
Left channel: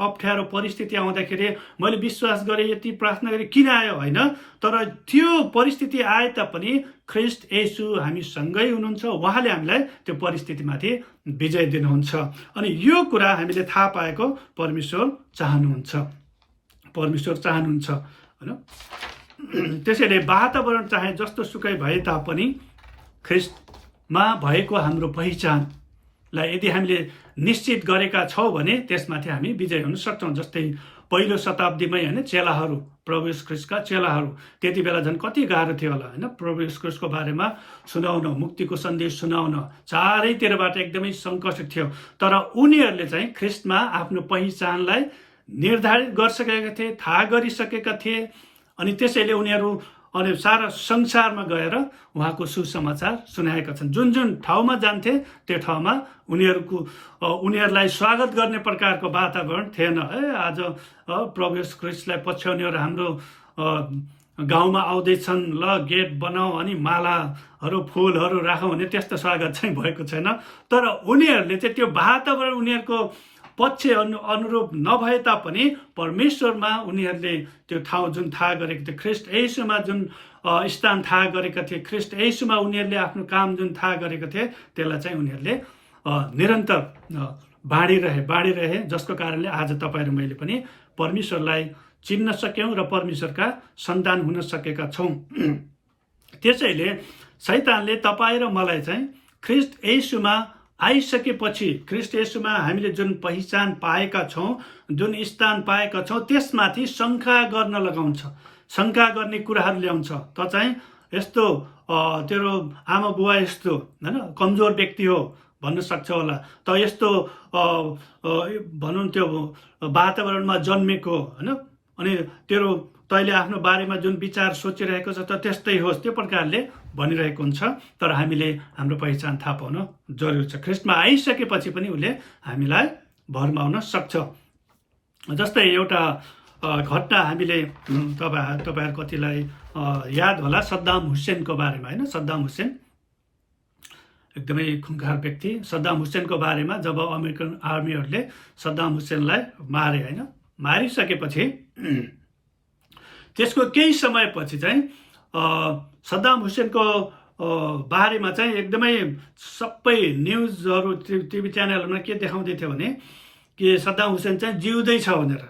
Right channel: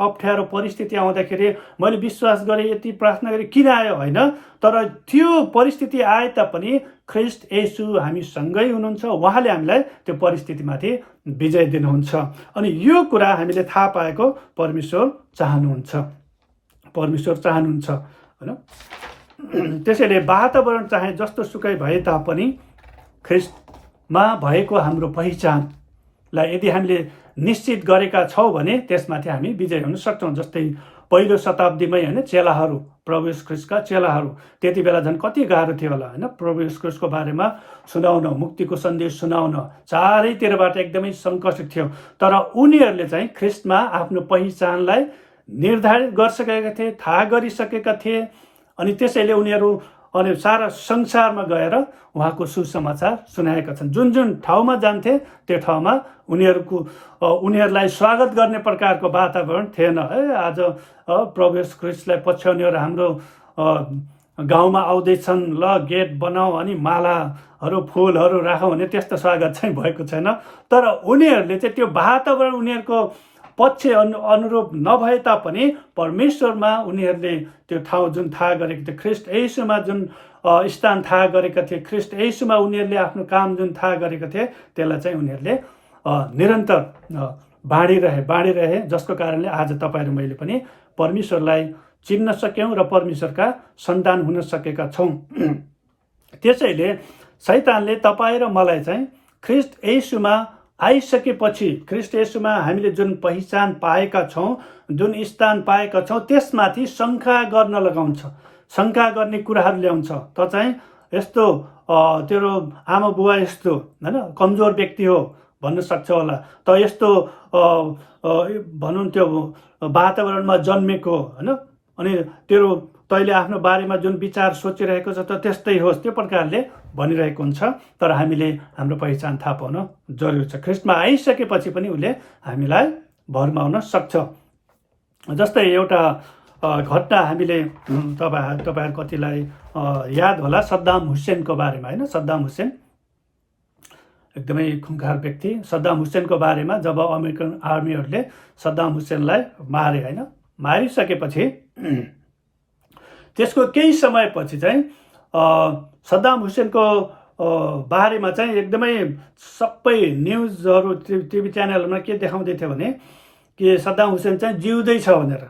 अप्ठ्यारो परिस्थिति आउँदाखेरि मैले विश्वास गरेँ, यति प्रार्थना गरेँ, किन आयो होइन, तर त्यो परिस्थिति आए तापनि ख्रिस्ट येशू हामीसँगै हुनुहुन्छ, उहाँले हामीलाई त्यो परिस्थितिमाथि विजय दिनुहुन्छ। अनि यो कुरा हामीले थाहा पाएको परमेश्वर चाहनुहुन्छ होइन। त्यसैले वातावरण चाहे जस्तो सुकै भए तापनि ख्रिस्टमा भएको हाम्रो पहिचान लाई यदि हामीले निश्चित गरेका छौँ भने त्यसमाथि हामी विजय हुन सक्छौँ। जस्तै पहिलो शताब्दीमै होइन चेलाहरू, प्रभु येशू ख्रीष्टका चेलाहरू, त्यति बेला झन् कति गाह्रो थियो होला होइन प्रभु येशू ख्रीष्टको बारेमा सुनाउन, मुक्तिको सन्देश सुनाउन चारैतिरबाट एकदमै सङ्कट थियो। तर उनीहरूले चाहिँ ख्रीष्टमा आफ्नो पहिचानलाई निर्धारित गरिसकेका थिए, थाहा गरिसकेका थिए, अनि त्यसैले उनीहरू अनि सारा संसारमा गएर उहाँको सुसमाचार सुनाएका छन्। जुन जुन ठाउँमा जान्थे त्यो ठाउँमा उनीहरूलाई स्वागत गर्ने प्रकारको वातावरण थिएन। आज प्रभु येशू ख्रीष्टलाई पछ्याउनेहरू हाम्रो गाउँमा आउँदैछन्, ल गेट बनाऊ अनि मालाहरू फुलहरू राखौँ भने त्यस्तो स्वागत चाहिँ भएको छैन। तर उनीहरूले चाहिँ त्यो वातावरण उनीहरूको पक्ष अनुरूप नभए तापनि परमेश्वरमा उनीहरूले त्यो ठाउँ जुन थाहा गरेको थियो, ख्रीष्ट येशूमा जुन स्थान थाहा गरेका थिए, ख्रीष्ट येशूमा उनीहरूले आफ्नो काम जुन थाहा गरेका थिए त्यसलाई चाहिँ उनीहरूले निरन्तर बाँडिरहे, जसको कारणले आज तपाईँ र मैले पनि परमेश्वरलाई चिन्न सक्यौँ र परमेश्वरका सन्तान हुन सकेका छौँ। त्यसैले शैतानले तपाईँ र मलाई चाहिँ ख्रीष्ट येशूमा आइसकेपछि, ख्रीष्ट येशूमा हामीले जुन पहिचान पाएका छौँ, जुन स्थान पाएका छौँ, त्यसमाथि शङ्का गर्न लगाउँछ, शङ्का गर्ने कुराहरू ल्याउँछ। त चाहिँ यस्तो तेरो आमा बुवा यस्तो होइन कमजोर व्यक्ति हो भन्न सक्छ होला, त यस्तो भनौँ त्यो वातावरणमा जन्मेको होइन, अनि तेरो तैँले आफ्नो बारेमा जुन विचार सोचिरहेको छ त त्यस्तै होस्, त्यो प्रकारले भनिरहेको हुन्छ। तर हामीले हाम्रो पहिचान थाहा पाउन जरुरी छ। ख्रीष्टमा आइसकेपछि पनि उसले हामीलाई भरमाउन सक्छ। जस्तै एउटा घटना हामीले तपाईँहरू कतिलाई याद होला सद्दाम हुसेनको बारेमा होइन। सद्दाम हुसेन एकदमै खुङ्खार व्यक्ति। सद्दाम हुसेनको बारेमा जब अमेरिकन आर्मीहरूले सद्दाम हुसेनलाई मारे होइन, मारिसकेपछि त्यसको केही समयपछि चाहिँ सद्दाम हुसेनको बारेमा चाहिँ एकदमै सबै न्युजहरू टिभी च्यानलहरूमा के देखाउँदै थियो भने कि सद्दाम हुसेन चाहिँ जिउँदै छ भनेर।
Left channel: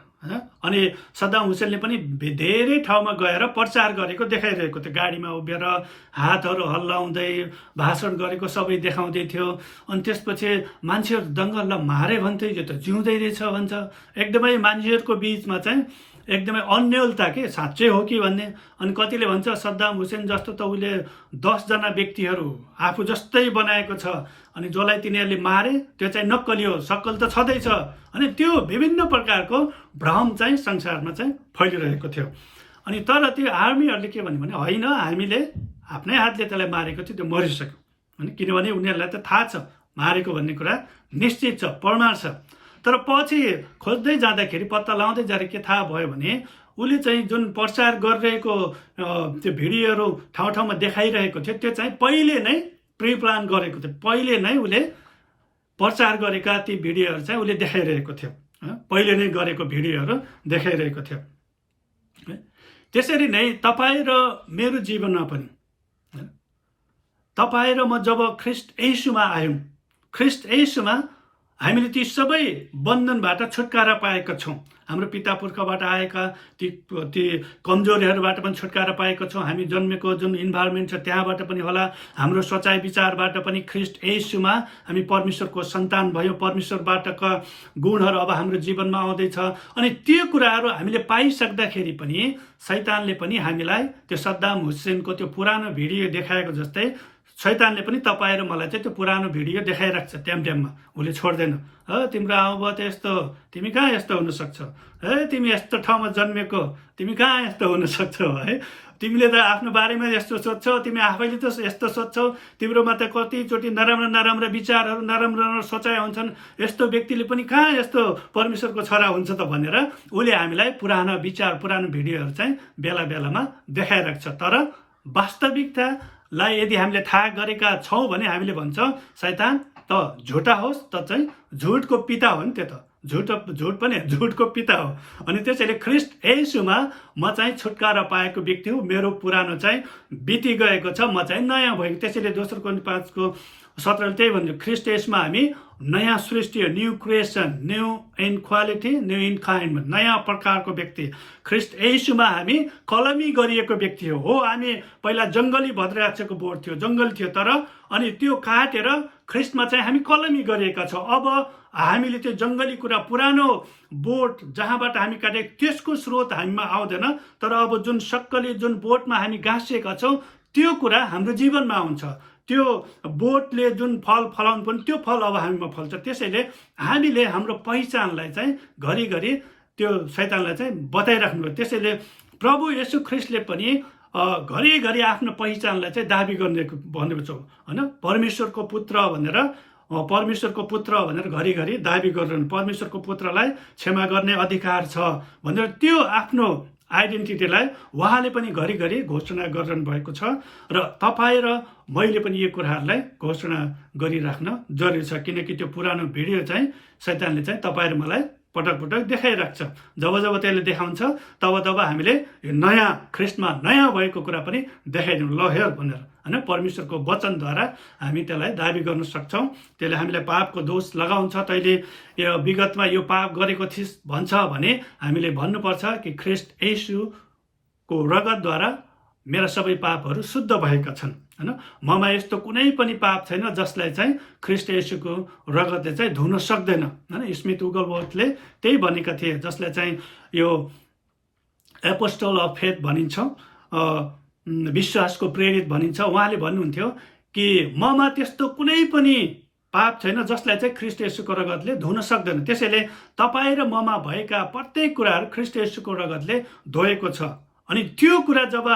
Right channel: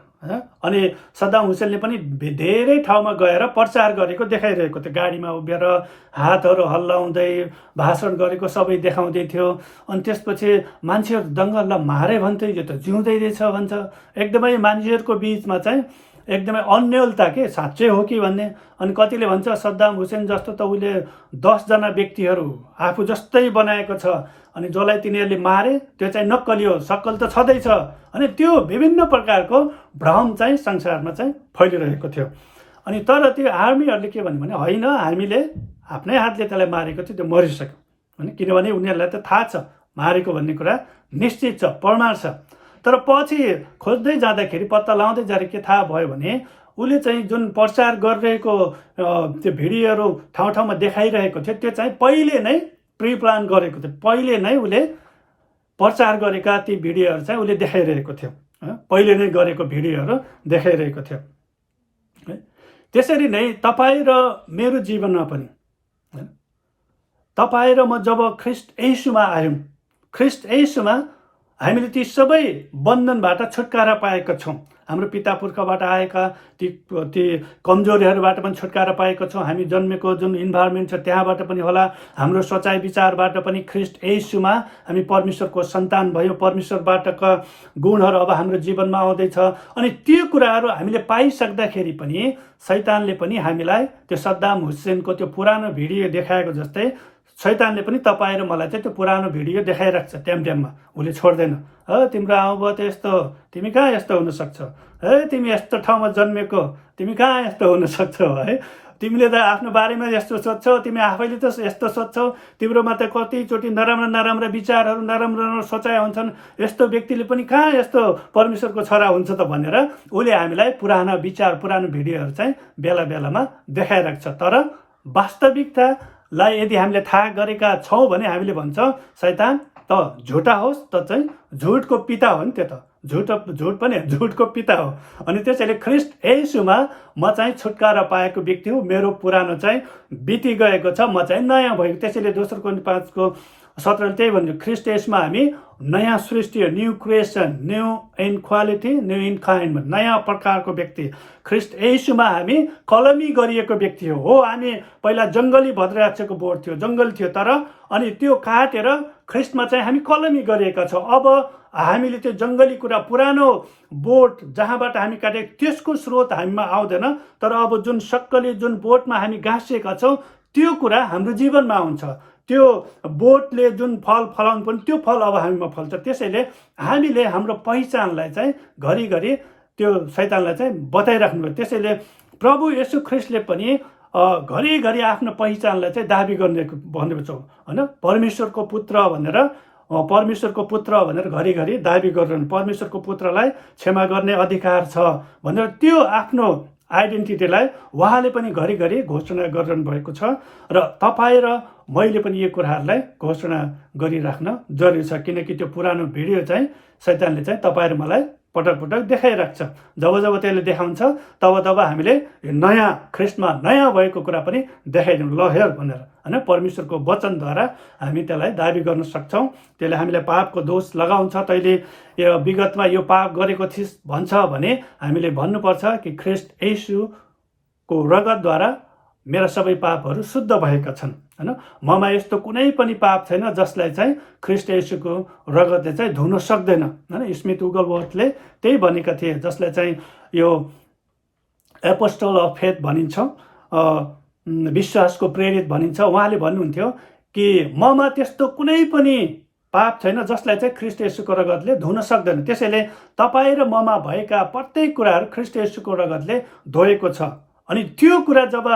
अनि सद्दाम हुसेनले पनि धेरै ठाउँमा गएर प्रचार गरेको देखाइरहेको थियो, गाडीमा उभिएर हातहरू हल्लाउँदै भाषण गरेको सबै देखाउँदै थियो। अनि त्यसपछि मान्छेहरू दङ्गललाई मारे भन्थे, यो त जिउँदै रहेछ भन्छ। एकदमै मान्छेहरूको बिचमा चाहिँ एकदमै अन्यलता के साँच्चै हो कि भन्ने। अनि कतिले भन्छ सद्दाम हुसेन जस्तो त उसले 10 जना व्यक्तिहरू आफू जस्तै बनाएको छ, अनि जसलाई तिनीहरूले मारे त्यो चाहिँ नक्कली हो, सक्कल त छँदैछ। अनि त्यो विभिन्न प्रकारको भ्रम चाहिँ संसारमा चाहिँ फैलिरहेको थियो। अनि तर त्यो आर्मीहरूले के भन्यो भने होइन, हामीले आफ्नै हातले त्यसलाई मारेको थियो, त्यो मरिसक्यो होइन, किनभने उनीहरूलाई त थाहा छ मारेको भन्ने कुरा निश्चित छ, प्रमाण छ। तर पछि खोज्दै जाँदाखेरि, पत्ता लगाउँदै जाँदा के थाहा भयो भने उसले चाहिँ जुन प्रचार गरिरहेको त्यो भिडियोहरू ठाउँ ठाउँमा देखाइरहेको थियो त्यो चाहिँ पहिले नै प्रिप्लान गरेको थियो। पहिले नै उसले प्रचार गरेका ती भिडियोहरू चाहिँ उसले देखाइरहेको थियो, पहिले नै गरेको भिडियोहरू देखाइरहेको थियो। त्यसरी नै तपाईँ र मेरो जीवनमा पनि तपाईँ र म जब ख्रीष्ट येशूमा आयौँ, ख्रीष्ट येशूमा हामीले ती सबै बन्धनबाट छुटकारा पाएका छौँ। हाम्रो पिता पुर्खाबाट आएका ती कमजोरीहरूबाट पनि छुटकारा पाएका छौँ। हामी जन्मेको जुन इन्भाइरोमेन्ट छ त्यहाँबाट पनि होला, हाम्रो सोचाइ विचारबाट पनि ख्रीष्ट येशूमा हामी परमेश्वरको सन्तान भयो, परमेश्वरबाटका गुणहरू अब हाम्रो जीवनमा आउँदैछ। अनि त्यो कुराहरू हामीले पाइसक्दाखेरि पनि शैतानले पनि हामीलाई त्यो सद्दाम हुसेनको त्यो पुरानो भिडियो देखाएको जस्तै शैतानले पनि तपाईँ र मलाई चाहिँ त्यो पुरानो भिडियो देखाइराख्छ टाइममा। उसले छोड्दैन। तिम्रो आमा त यस्तो, तिमी कहाँ यस्तो हुनसक्छ, तिमी यस्तो ठाउँमा जन्मेको, तिमी कहाँ यस्तो हुनसक्छौ है, तिमीले त आफ्नो बारेमा यस्तो सोध्छौ, तिमी आफैले त यस्तो सोध्छौ, तिम्रोमा त कतिचोटि नराम्रा विचारहरू, नराम्रो सोचाइ हुन्छन्, यस्तो व्यक्तिले पनि कहाँ यस्तो परमेश्वरको छोरा हुन्छ त भनेर उसले हामीलाई पुरानो विचार, पुरानो भिडियोहरू चाहिँ बेला बेलामा देखाइराख्छ। तर वास्तविकतालाई यदि हामीले थाहा गरेका छौँ भने हामीले भन्छौँ शैतान त झुटा होस्, त चाहिँ झुटको पिता हो नि, त्यो त झुट पनि झुटको पिता हो। अनि त्यसैले ख्रीष्ट येशूमा म चाहिँ छुटकारा पाएको व्यक्ति हो, मेरो पुरानो चाहिँ बिति गएको छ, म चाहिँ नयाँ भएको। त्यसैले दोस्रो कोरिन्थी 5:17 त्यही भन्छु, ख्रीष्ट येशूमा हामी नयाँ सृष्टि हो, new creation, new in quality, new in kind, नयाँ प्रकारको व्यक्ति। ख्रीष्ट येशूमा हामी कलमी गरिएको व्यक्ति हो। हामी पहिला जङ्गली भद्राक्षको बोट थियो, जङ्गल थियो, तर अनि त्यो काटेर ख्रिस्टमा चाहिँ हामी कलमी गरिएका छौँ। अब हामीले त्यो जङ्गली कुरा, पुरानो बोट जहाँबाट हामी काटेको त्यसको स्रोत हामीमा आउँदैन, तर अब जुन सक्कली जुन बोटमा हामी गाँसिएका छौँ त्यो कुरा हाम्रो जीवनमा हुन्छ। त्यो बोटले जुन फल फलाउनु पनि त्यो फल अब हामीमा फल्छ। त्यसैले हामीले हाम्रो पहिचानलाई चाहिँ घरिघरि त्यो शैतानलाई चाहिँ बताइराख्नु पर्छ। त्यसैले प्रभु येशू ख्रिस्टले पनि घरिघरि आफ्नो पहिचानलाई चाहिँ दाबी गर्ने भनेको छ होइन। परमेश्वरको पुत्र भनेर घरिघरि दाबी गरेर परमेश्वरको पुत्रलाई क्षमा गर्ने अधिकार छ भनेर त्यो आफ्नो आइडेन्टिटीलाई उहाँले पनि घरिघरि घोषणा गरिरहनु भएको छ। र तपाईँ र मैले पनि यो कुराहरूलाई घोषणा गरिराख्न जरुरी छ, किनकि त्यो पुरानो भिडियो चाहिँ शैतानले चाहिँ तपाईँ र मलाई पटक पटक देखाइराख्छ। जब जब त्यसले देखाउँछ तब तब हामीले नयाँ ख्रिस्टमा नयाँ भएको कुरा पनि देखाइदिउँ, ल हेर भनेर होइन। परमेश्वरको वचनद्वारा हामी त्यसलाई दाबी गर्न सक्छौँ। त्यसले हामीलाई पापको दोष लगाउँछ, तैँले यो विगतमा यो पाप गरेको थिइस् भन्छ भने हामीले भन्नुपर्छ कि ख्रिस्ट येशूको रगतद्वारा मेरा सबै पापहरू शुद्ध भएका छन् होइन। ममा यस्तो कुनै पनि पाप छैन जसलाई चाहिँ ख्रिस्ट येशूको रगतले चाहिँ धुन सक्दैन होइन। स्मिथ उगलवर्थले त्यही भनेका थिए, जसलाई चाहिँ यो एपोस्टल अफ फेथ भनिन्छ, विश्वासको प्रेरित भनिन्छ। उहाँले भन्नुहुन्थ्यो कि ममा त्यस्तो कुनै पनि पाप छैन जसलाई चाहिँ ख्रिस्ट येशूको रगतले धुन सक्दैन। त्यसैले तपाईँ र ममा भएका प्रत्येक कुराहरू ख्रिस्ट येशूको रगतले धोएको छ। अनि त्यो कुरा जब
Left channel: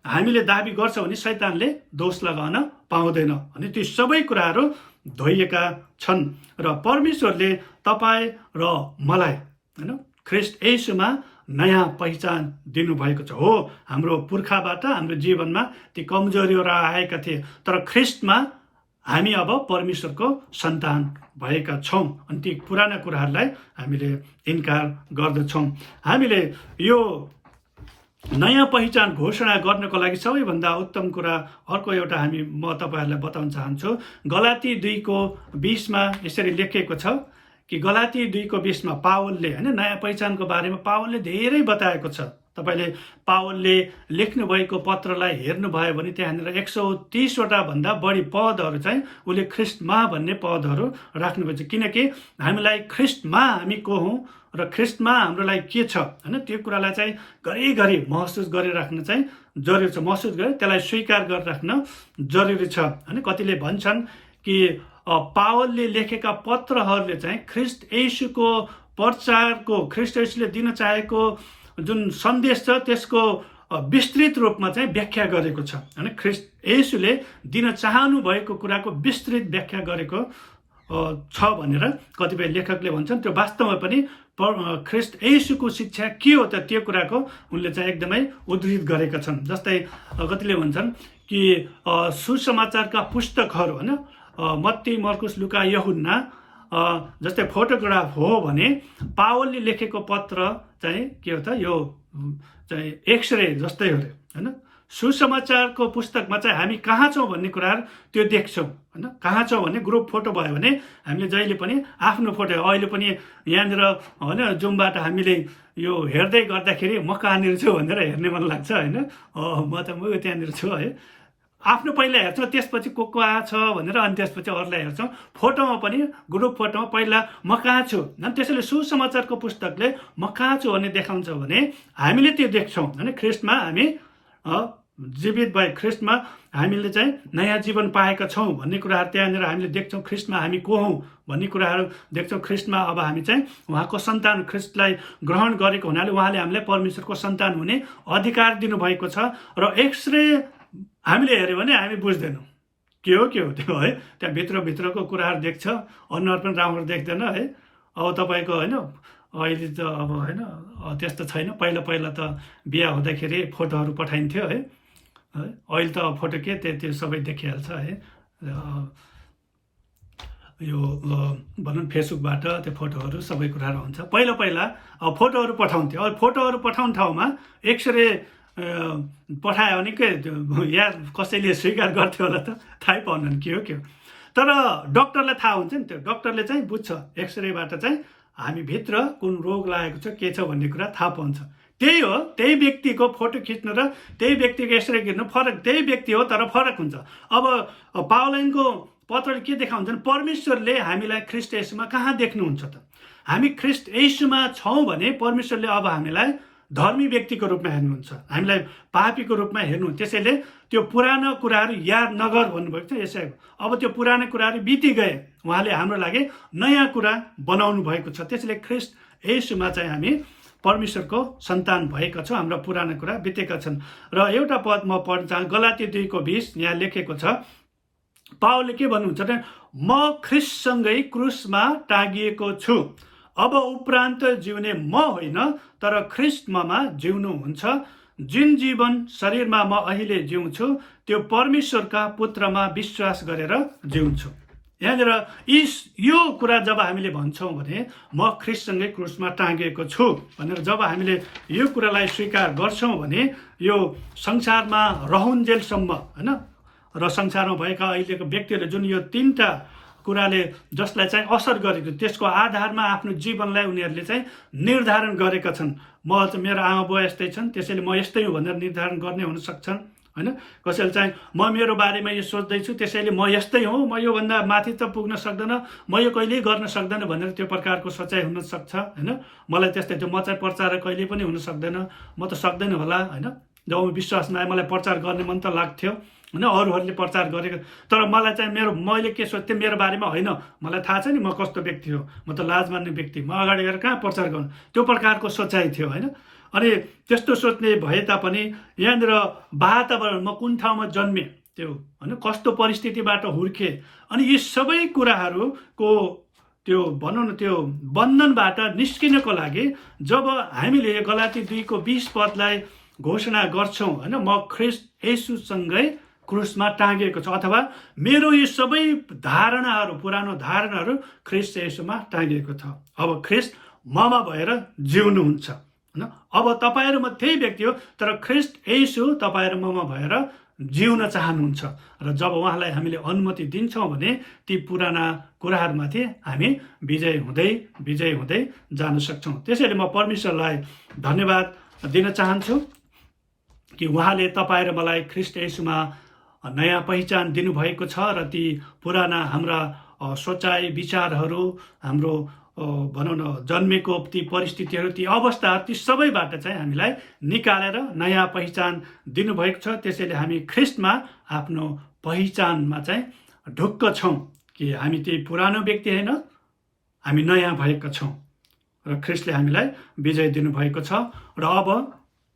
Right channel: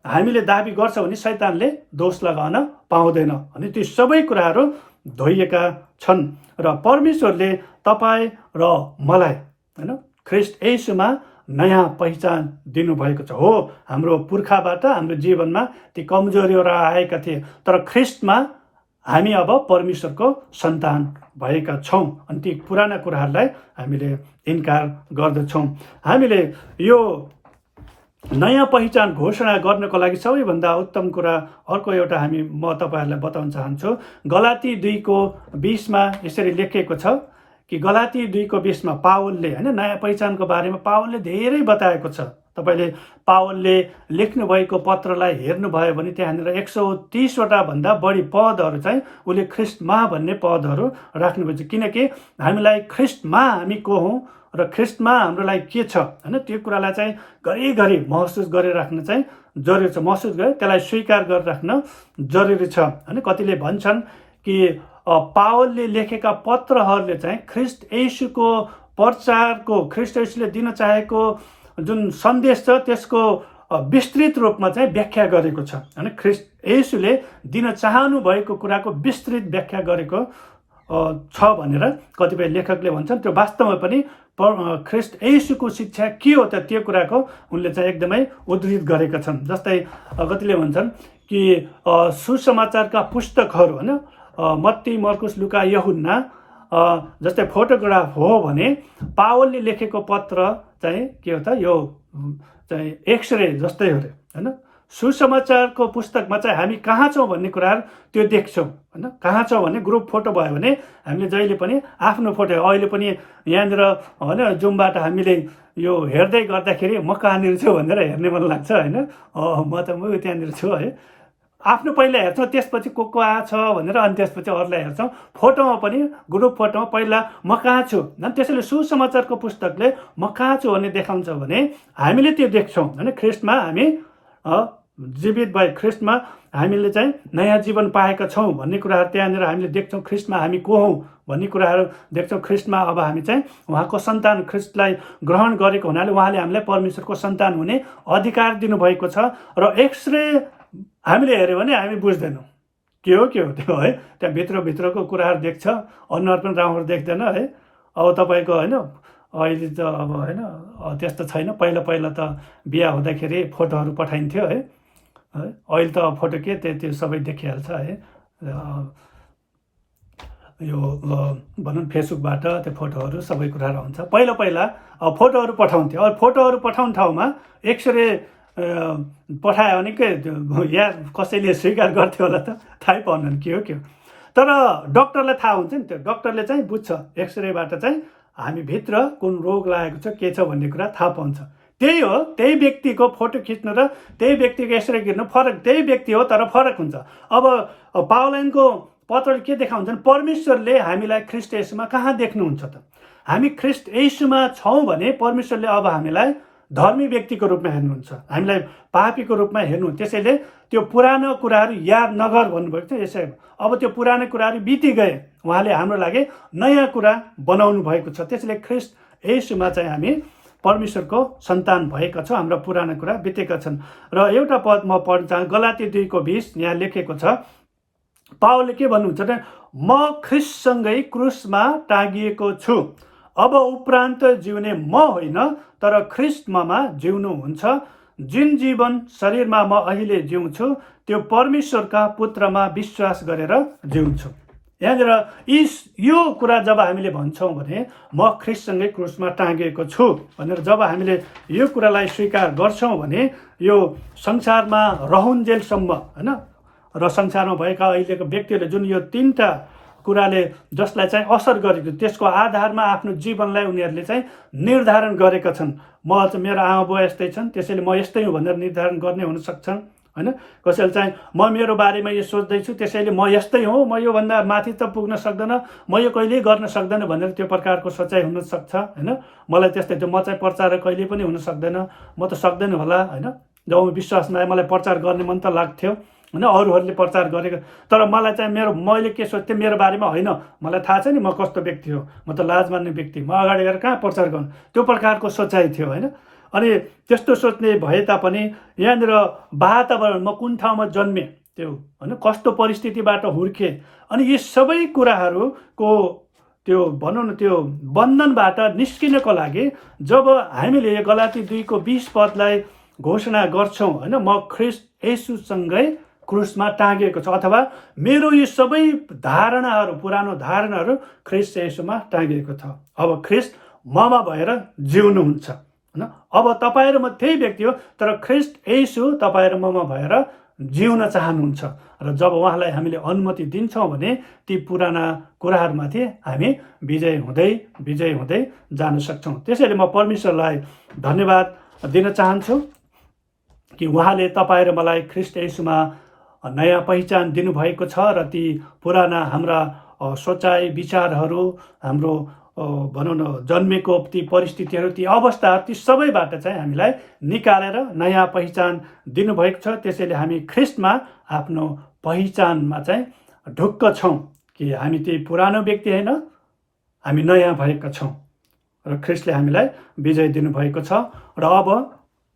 हामीले दाबी गर्छौँ भने शैतानले दोष लगाउन पाउँदैन। अनि ती सबै कुराहरू धोइएका छन् र परमेश्वरले तपाईँ र मलाई होइन ख्रिस्ट येशूमा नयाँ पहिचान दिनुभएको छ। हो, हाम्रो पुर्खाबाट हाम्रो जीवनमा ती कमजोरीहरू आएका थिए, तर ख्रिस्टमा हामी अब परमेश्वरको सन्तान भएका छौँ। अनि ती पुराना कुराहरूलाई हामीले इन्कार गर्दछौँ। हामीले यो नयाँ पहिचान घोषणा गर्नको लागि सबैभन्दा उत्तम कुरा अर्को एउटा म तपाईँहरूलाई बताउन चाहन्छु। गलाती 2:20 यसरी लेखिएको छ कि गलाती 2:20 पावलले होइन नयाँ पहिचानको बारेमा पावलले धेरै बताएको छ। तपाईँले पावलले लेख्नुभएको पत्रलाई हेर्नुभयो भने त्यहाँनिर 130वटा भन्दा बढी पदहरू चाहिँ उसले ख्रिस्टमा भन्ने पदहरू राख्नुभएको छ, किनकि हामीलाई ख्रिस्टमा हामी को हौँ र ख्रिस्टमा हाम्रो लागि के छ होइन त्यो कुरालाई चाहिँ घरिघरि महसुस गरिराख्न चाहिँ जरुरी छ। महसुस गरे त्यसलाई स्वीकार गरिराख्न जरुरी छ होइन। कतिले भन्छन् कि पावलले लेखेका पत्रहरूले चाहिँ ख्रिस्ट येशूको प्रचारको, ख्रिस्ट येशूले दिन चाहेको जुन सन्देश छ त्यसको विस्तृत रूपमा चाहिँ व्याख्या गरेको छ होइन। ख्रिस्ट येशूले दिन चाहनु भएको कुराको विस्तृत व्याख्या गरेको छ भनेर कतिपय लेखकले भन्छन्। त्यो वास्तवमा पनि ख्रिस्ट येशूको शिक्षा के हो त त्यो कुराको उनले चाहिँ एकदमै उद्धृत गरेका छन्। जस्तै कतिले भन्छन् कि सुसमाचारका पुस्तकहरू होइन, मत्ती, मर्कुस, लुका, यूहन्ना जस्तै फोटोग्राफ हो भने पावलले लेखेको पत्र चाहिँ के हो त यो चाहिँ एक्सरे जस्तै हो अरे होइन। सुसमाचारको पुस्तकमा चाहिँ हामी कहाँ छौँ भन्ने कुराहरू त्यो देख्छौँ होइन। कहाँ छौँ भन्ने ग्रुप फोटो भयो भने हामीले जहिले पनि आफ्नो फोटो, अहिले पनि यहाँनिर होइन जुमबाट हामीले यो हेर्दै गर्दाखेरि म कहाँनिर छु भनेर हेर्ने मन लाग्छ होइन। म त्यहाँनिर छु है। आफ्नो पहिला हेर्छौँ, त्यसपछि को कहाँ छ भनेर, अनि त्यसपछि अरूलाई हेर्छौँ। फोटोमा पनि ग्रुप फोटोमा पहिला म कहाँ छु, अनि त्यसैले सुसमाचारको पुस्तकले म कहाँ छु भन्ने देखाउँछ भने हामीले त्यो देख्छौँ होइन। ख्रिस्टमा हामी जीवित भए, ख्रिस्टमा हामीले चाहिँ नयाँ जीवन पाएका छौँ भन्ने कुराहरू त्यहाँनिर हामीले देख्छौँ। ख्रिस्टमा हामी को हौँ भन्ने कुराहरू देख्छौँ। ख्रिस्टमा अब हामी चाहिँ उहाँको सन्तान, ख्रिस्टलाई ग्रहण गरेको हुनाले उहाँले हामीलाई परमेश्वरको सन्तान हुने अधिकार दिनुभएको छ। र एक्सरे हामीले हेऱ्यो भने हामी बुझ्दैनौँ के हो त्यो है। त्यहाँ भित्रको कुराहरू देख्छ, अनुहार पनि राम्रो देख्दैन है। अब तपाईँको होइन अहिले त अब होइन त्यस्तो छैन। पहिला त बिहा हुँदाखेरि फोटोहरू पठाइन्थ्यो है। अहिले त फोटो के त्यो सबै देखिहाल्छ है। यो भनौँ फेसबुकबाट त्यो फोटोहरू सबै कुराहरू हुन्छ। पहिला फोटोहरू पठाउँथ्यो। अब फोटोहरू पठाउने ठाउँमा एक्सरे पठायो भने के यार कसैले स्वीकार गर्थ्यो होला त, थाहै पाउनु के हो। तर डक्टरलाई थाहा हुन्छ नि, त्यो डक्टरले चाहिँ बुझ्छ एक्सरेबाट चाहिँ हामी भित्र कुन रोग लागेको छ के छ भन्ने कुरा थाहा पाउँछ। त्यही हो, त्यही व्यक्तिको फोटो खिच्नु र त्यही व्यक्तिको एक्सरे खिच्नु फरक, त्यही व्यक्ति हो तर फरक हुन्छ। अब पावलाइनको पत्रले के देखाउँछ भने परमेश्वरले हामीलाई ख्रीष्ट येशूमा कहाँ देख्नुहुन्छ त? हामी ख्रीष्ट येशूमा छौँ भने परमेश्वरले अब हामीलाई धर्मी व्यक्तिको रूपमा हेर्नुहुन्छ, हामीलाई पापीको रूपमा हेर्नु। त्यसैले त्यो पुरानो कुराहरू याद नगर भन्नुभएको थियो यसै। अब त्यो पुरानो कुराहरू बिति गए, उहाँले हाम्रो लागि नयाँ कुरा बनाउनु भएको छ। त्यसैले ख्रीष्ट येशूमा चाहिँ हामी परमेश्वरको सन्तान भएका छौँ, हाम्रा पुराना कुरा बितेका छन्। र एउटा पद म पढ्न चाहन्छु, गलाती 2:20 यहाँ लेखेको छ। पावलले के भन्नुहुन्छ भने, म ख्रीष्टसँगै क्रुसमा टाँगिएको छु, अब उपरान्त जिउने म होइन तर ख्रीष्ट ममा जिउनुहुन्छ। जुन जीवन शरीरमा म अहिले जिउँछु त्यो परमेश्वरका पुत्रमा विश्वास गरेर जिउँछु। यहाँनिर यो कुरा जब हामीले भन्छौँ भने म ख्रीष्टसँगै क्रुसमा टाँगिएको छु भनेर जब हामीले यो कुरालाई स्वीकार गर्छौँ भने यो संसारमा रहन्जेलसम्म होइन, र संसारमा भएका अहिलेको व्यक्तिहरूले जुन यो 3टा कुराले जसलाई चाहिँ असर गरेको त्यसको आधारमा आफ्नो जीवनलाई उनीहरूले चाहिँ निर्धारण गरेका छन्। म चाहिँ मेरो आमा बुवा यस्तै छन् त्यसैले म यस्तै हुँ भनेर निर्धारण गर्ने हुन सक्छन् होइन। कसैले चाहिँ म मेरो बारेमा यो सोच्दैछु त्यसैले म यस्तै हुँ, म योभन्दा माथि त पुग्न सक्दैन, म यो कहिल्यै गर्न सक्दैन भनेर त्यो प्रकारको सोचाइ हुनसक्छ होइन। मलाई त्यस्तै थियो, म चाहिँ प्रचारक कहिल्यै पनि हुन सक्दैन, म त सक्दैन होला होइन। जब म विश्वासमा आएँ मलाई प्रचार गर्ने मन त लाग्थ्यो होइन, अरूहरूले प्रचार गरेको, तर मलाई चाहिँ मैले के सोच्थेँ मेरो बारेमा होइन, मलाई थाहा छ नि म कस्तो व्यक्ति हो, म त लाज मान्ने व्यक्ति, म अगाडि गएर कहाँ प्रचार गर्नु, त्यो प्रकारको सोचाइ थियो होइन। अनि त्यस्तो सोच्ने भए तापनि यहाँनिर वातावरण, म कुन ठाउँमा जन्मेँ त्यो होइन, कस्तो परिस्थितिबाट हुर्केँ, अनि यी सबै कुराहरूको त्यो भनौँ न त्यो बन्धनबाट निस्किनको लागि जब हामीले गलाती 2:20 पदलाई घोषणा गर्छौँ होइन, म ख्रीष्ट येशूसँगै क्रुसमा टाँगिएको छ, अथवा मेरो यो सबै धारणाहरू पुरानो धारणाहरू ख्रीष्ट येशूमा टाँगिएको छ। अब ख्रीष्ट ममा भएर जिउनुहुन्छ होइन। अब तपाईँहरू म त्यही व्यक्ति हो तर ख्रीष्ट येशू तपाईँ र ममा भएर जिउन चाहनुहुन्छ, र जब उहाँलाई हामीले अनुमति दिन्छौँ भने ती पुराना कुराहरूमाथि हामी विजय हुँदै जान सक्छौँ। त्यसैले म परमेश्वरलाई धन्यवाद दिन चाहन्छु कि उहाँले तपाईँ र मलाई ख्रीष्ट येशूमा नयाँ पहिचान दिनुभएको छ, र ती पुराना हाम्रा सोचाइ विचारहरू, हाम्रो भनौँ न जन्मेको ती परिस्थितिहरू, ती अवस्थाहरू, ती सबैबाट चाहिँ हामीलाई निकालेर नयाँ पहिचान दिनुभएको छ। त्यसैले हामी ख्रीष्टमा आफ्नो पहिचानमा चाहिँ ढुक्क छौँ कि हामी त्यही पुरानो व्यक्ति होइन, हामी नयाँ भएका छौँ, र ख्रीष्टले हामीलाई विजय दिनुभएको छ। र अब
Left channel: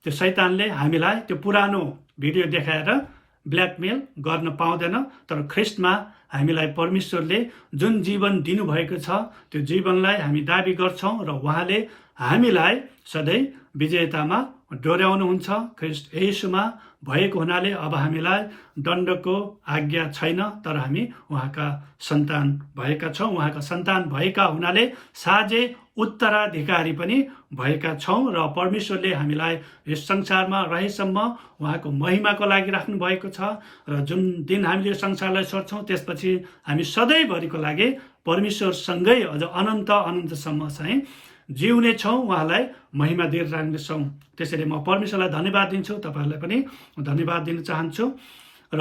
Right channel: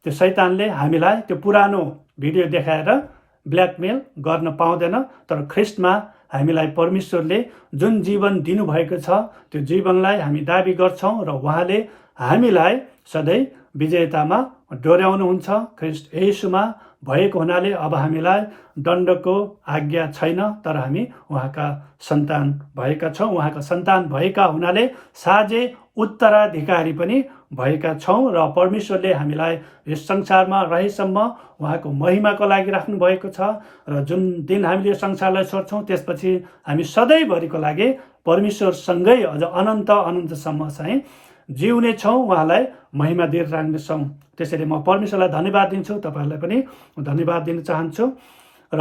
त्यो शैतानले हामीलाई त्यो पुरानो भिडियो देखाएर ब्ल्याकमेल गर्न पाउँदैन, तर ख्रीष्टमा हामीलाई परमेश्वरले जुन जीवन दिनुभएको छ त्यो जीवनलाई हामी दाबी गर्छौँ, र उहाँले हामीलाई सधैँ विजेतामा डोर्याउनुहुन्छ। ख्रीष्ट येशूमा भएको हुनाले अब हामीलाई दण्डको आज्ञा छैन, तर हामी उहाँका सन्तान भएका छौँ। उहाँका सन्तान भएका हुनाले साझे उत्तराधिकारी पनि भएका छौँ, र परमेश्वरले हामीलाई यस संसारमा रहेसम्म उहाँको महिमाको लागि राख्नु भएको छ, र जुन दिन हामीले यो संसारलाई छोड्छौँ त्यसपछि हामी सधैँभरिको लागि परमेश्वरसँगै अझ अनन्तसम्म चाहिँ जिउने छौँ, उहाँलाई महिमा दिएर राख्नेछौँ। त्यसैले म परमेश्वरलाई धन्यवाद दिन्छु, तपाईँहरूलाई पनि धन्यवाद दिन चाहन्छु, र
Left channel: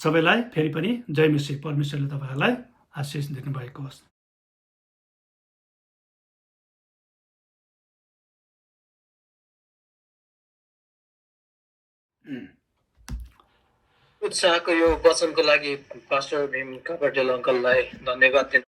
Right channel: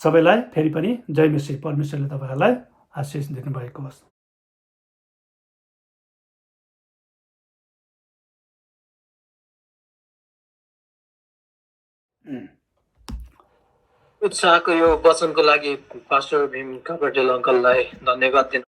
सबैलाई फेरि पनि जय मसीह। परमेश्वरले तपाईँहरूलाई आशिष दिनुभएको होस्। उत्साहको यो वचनको लागि पास्टर भीम कापडेल अङ्कललाई धन्यवाद दिन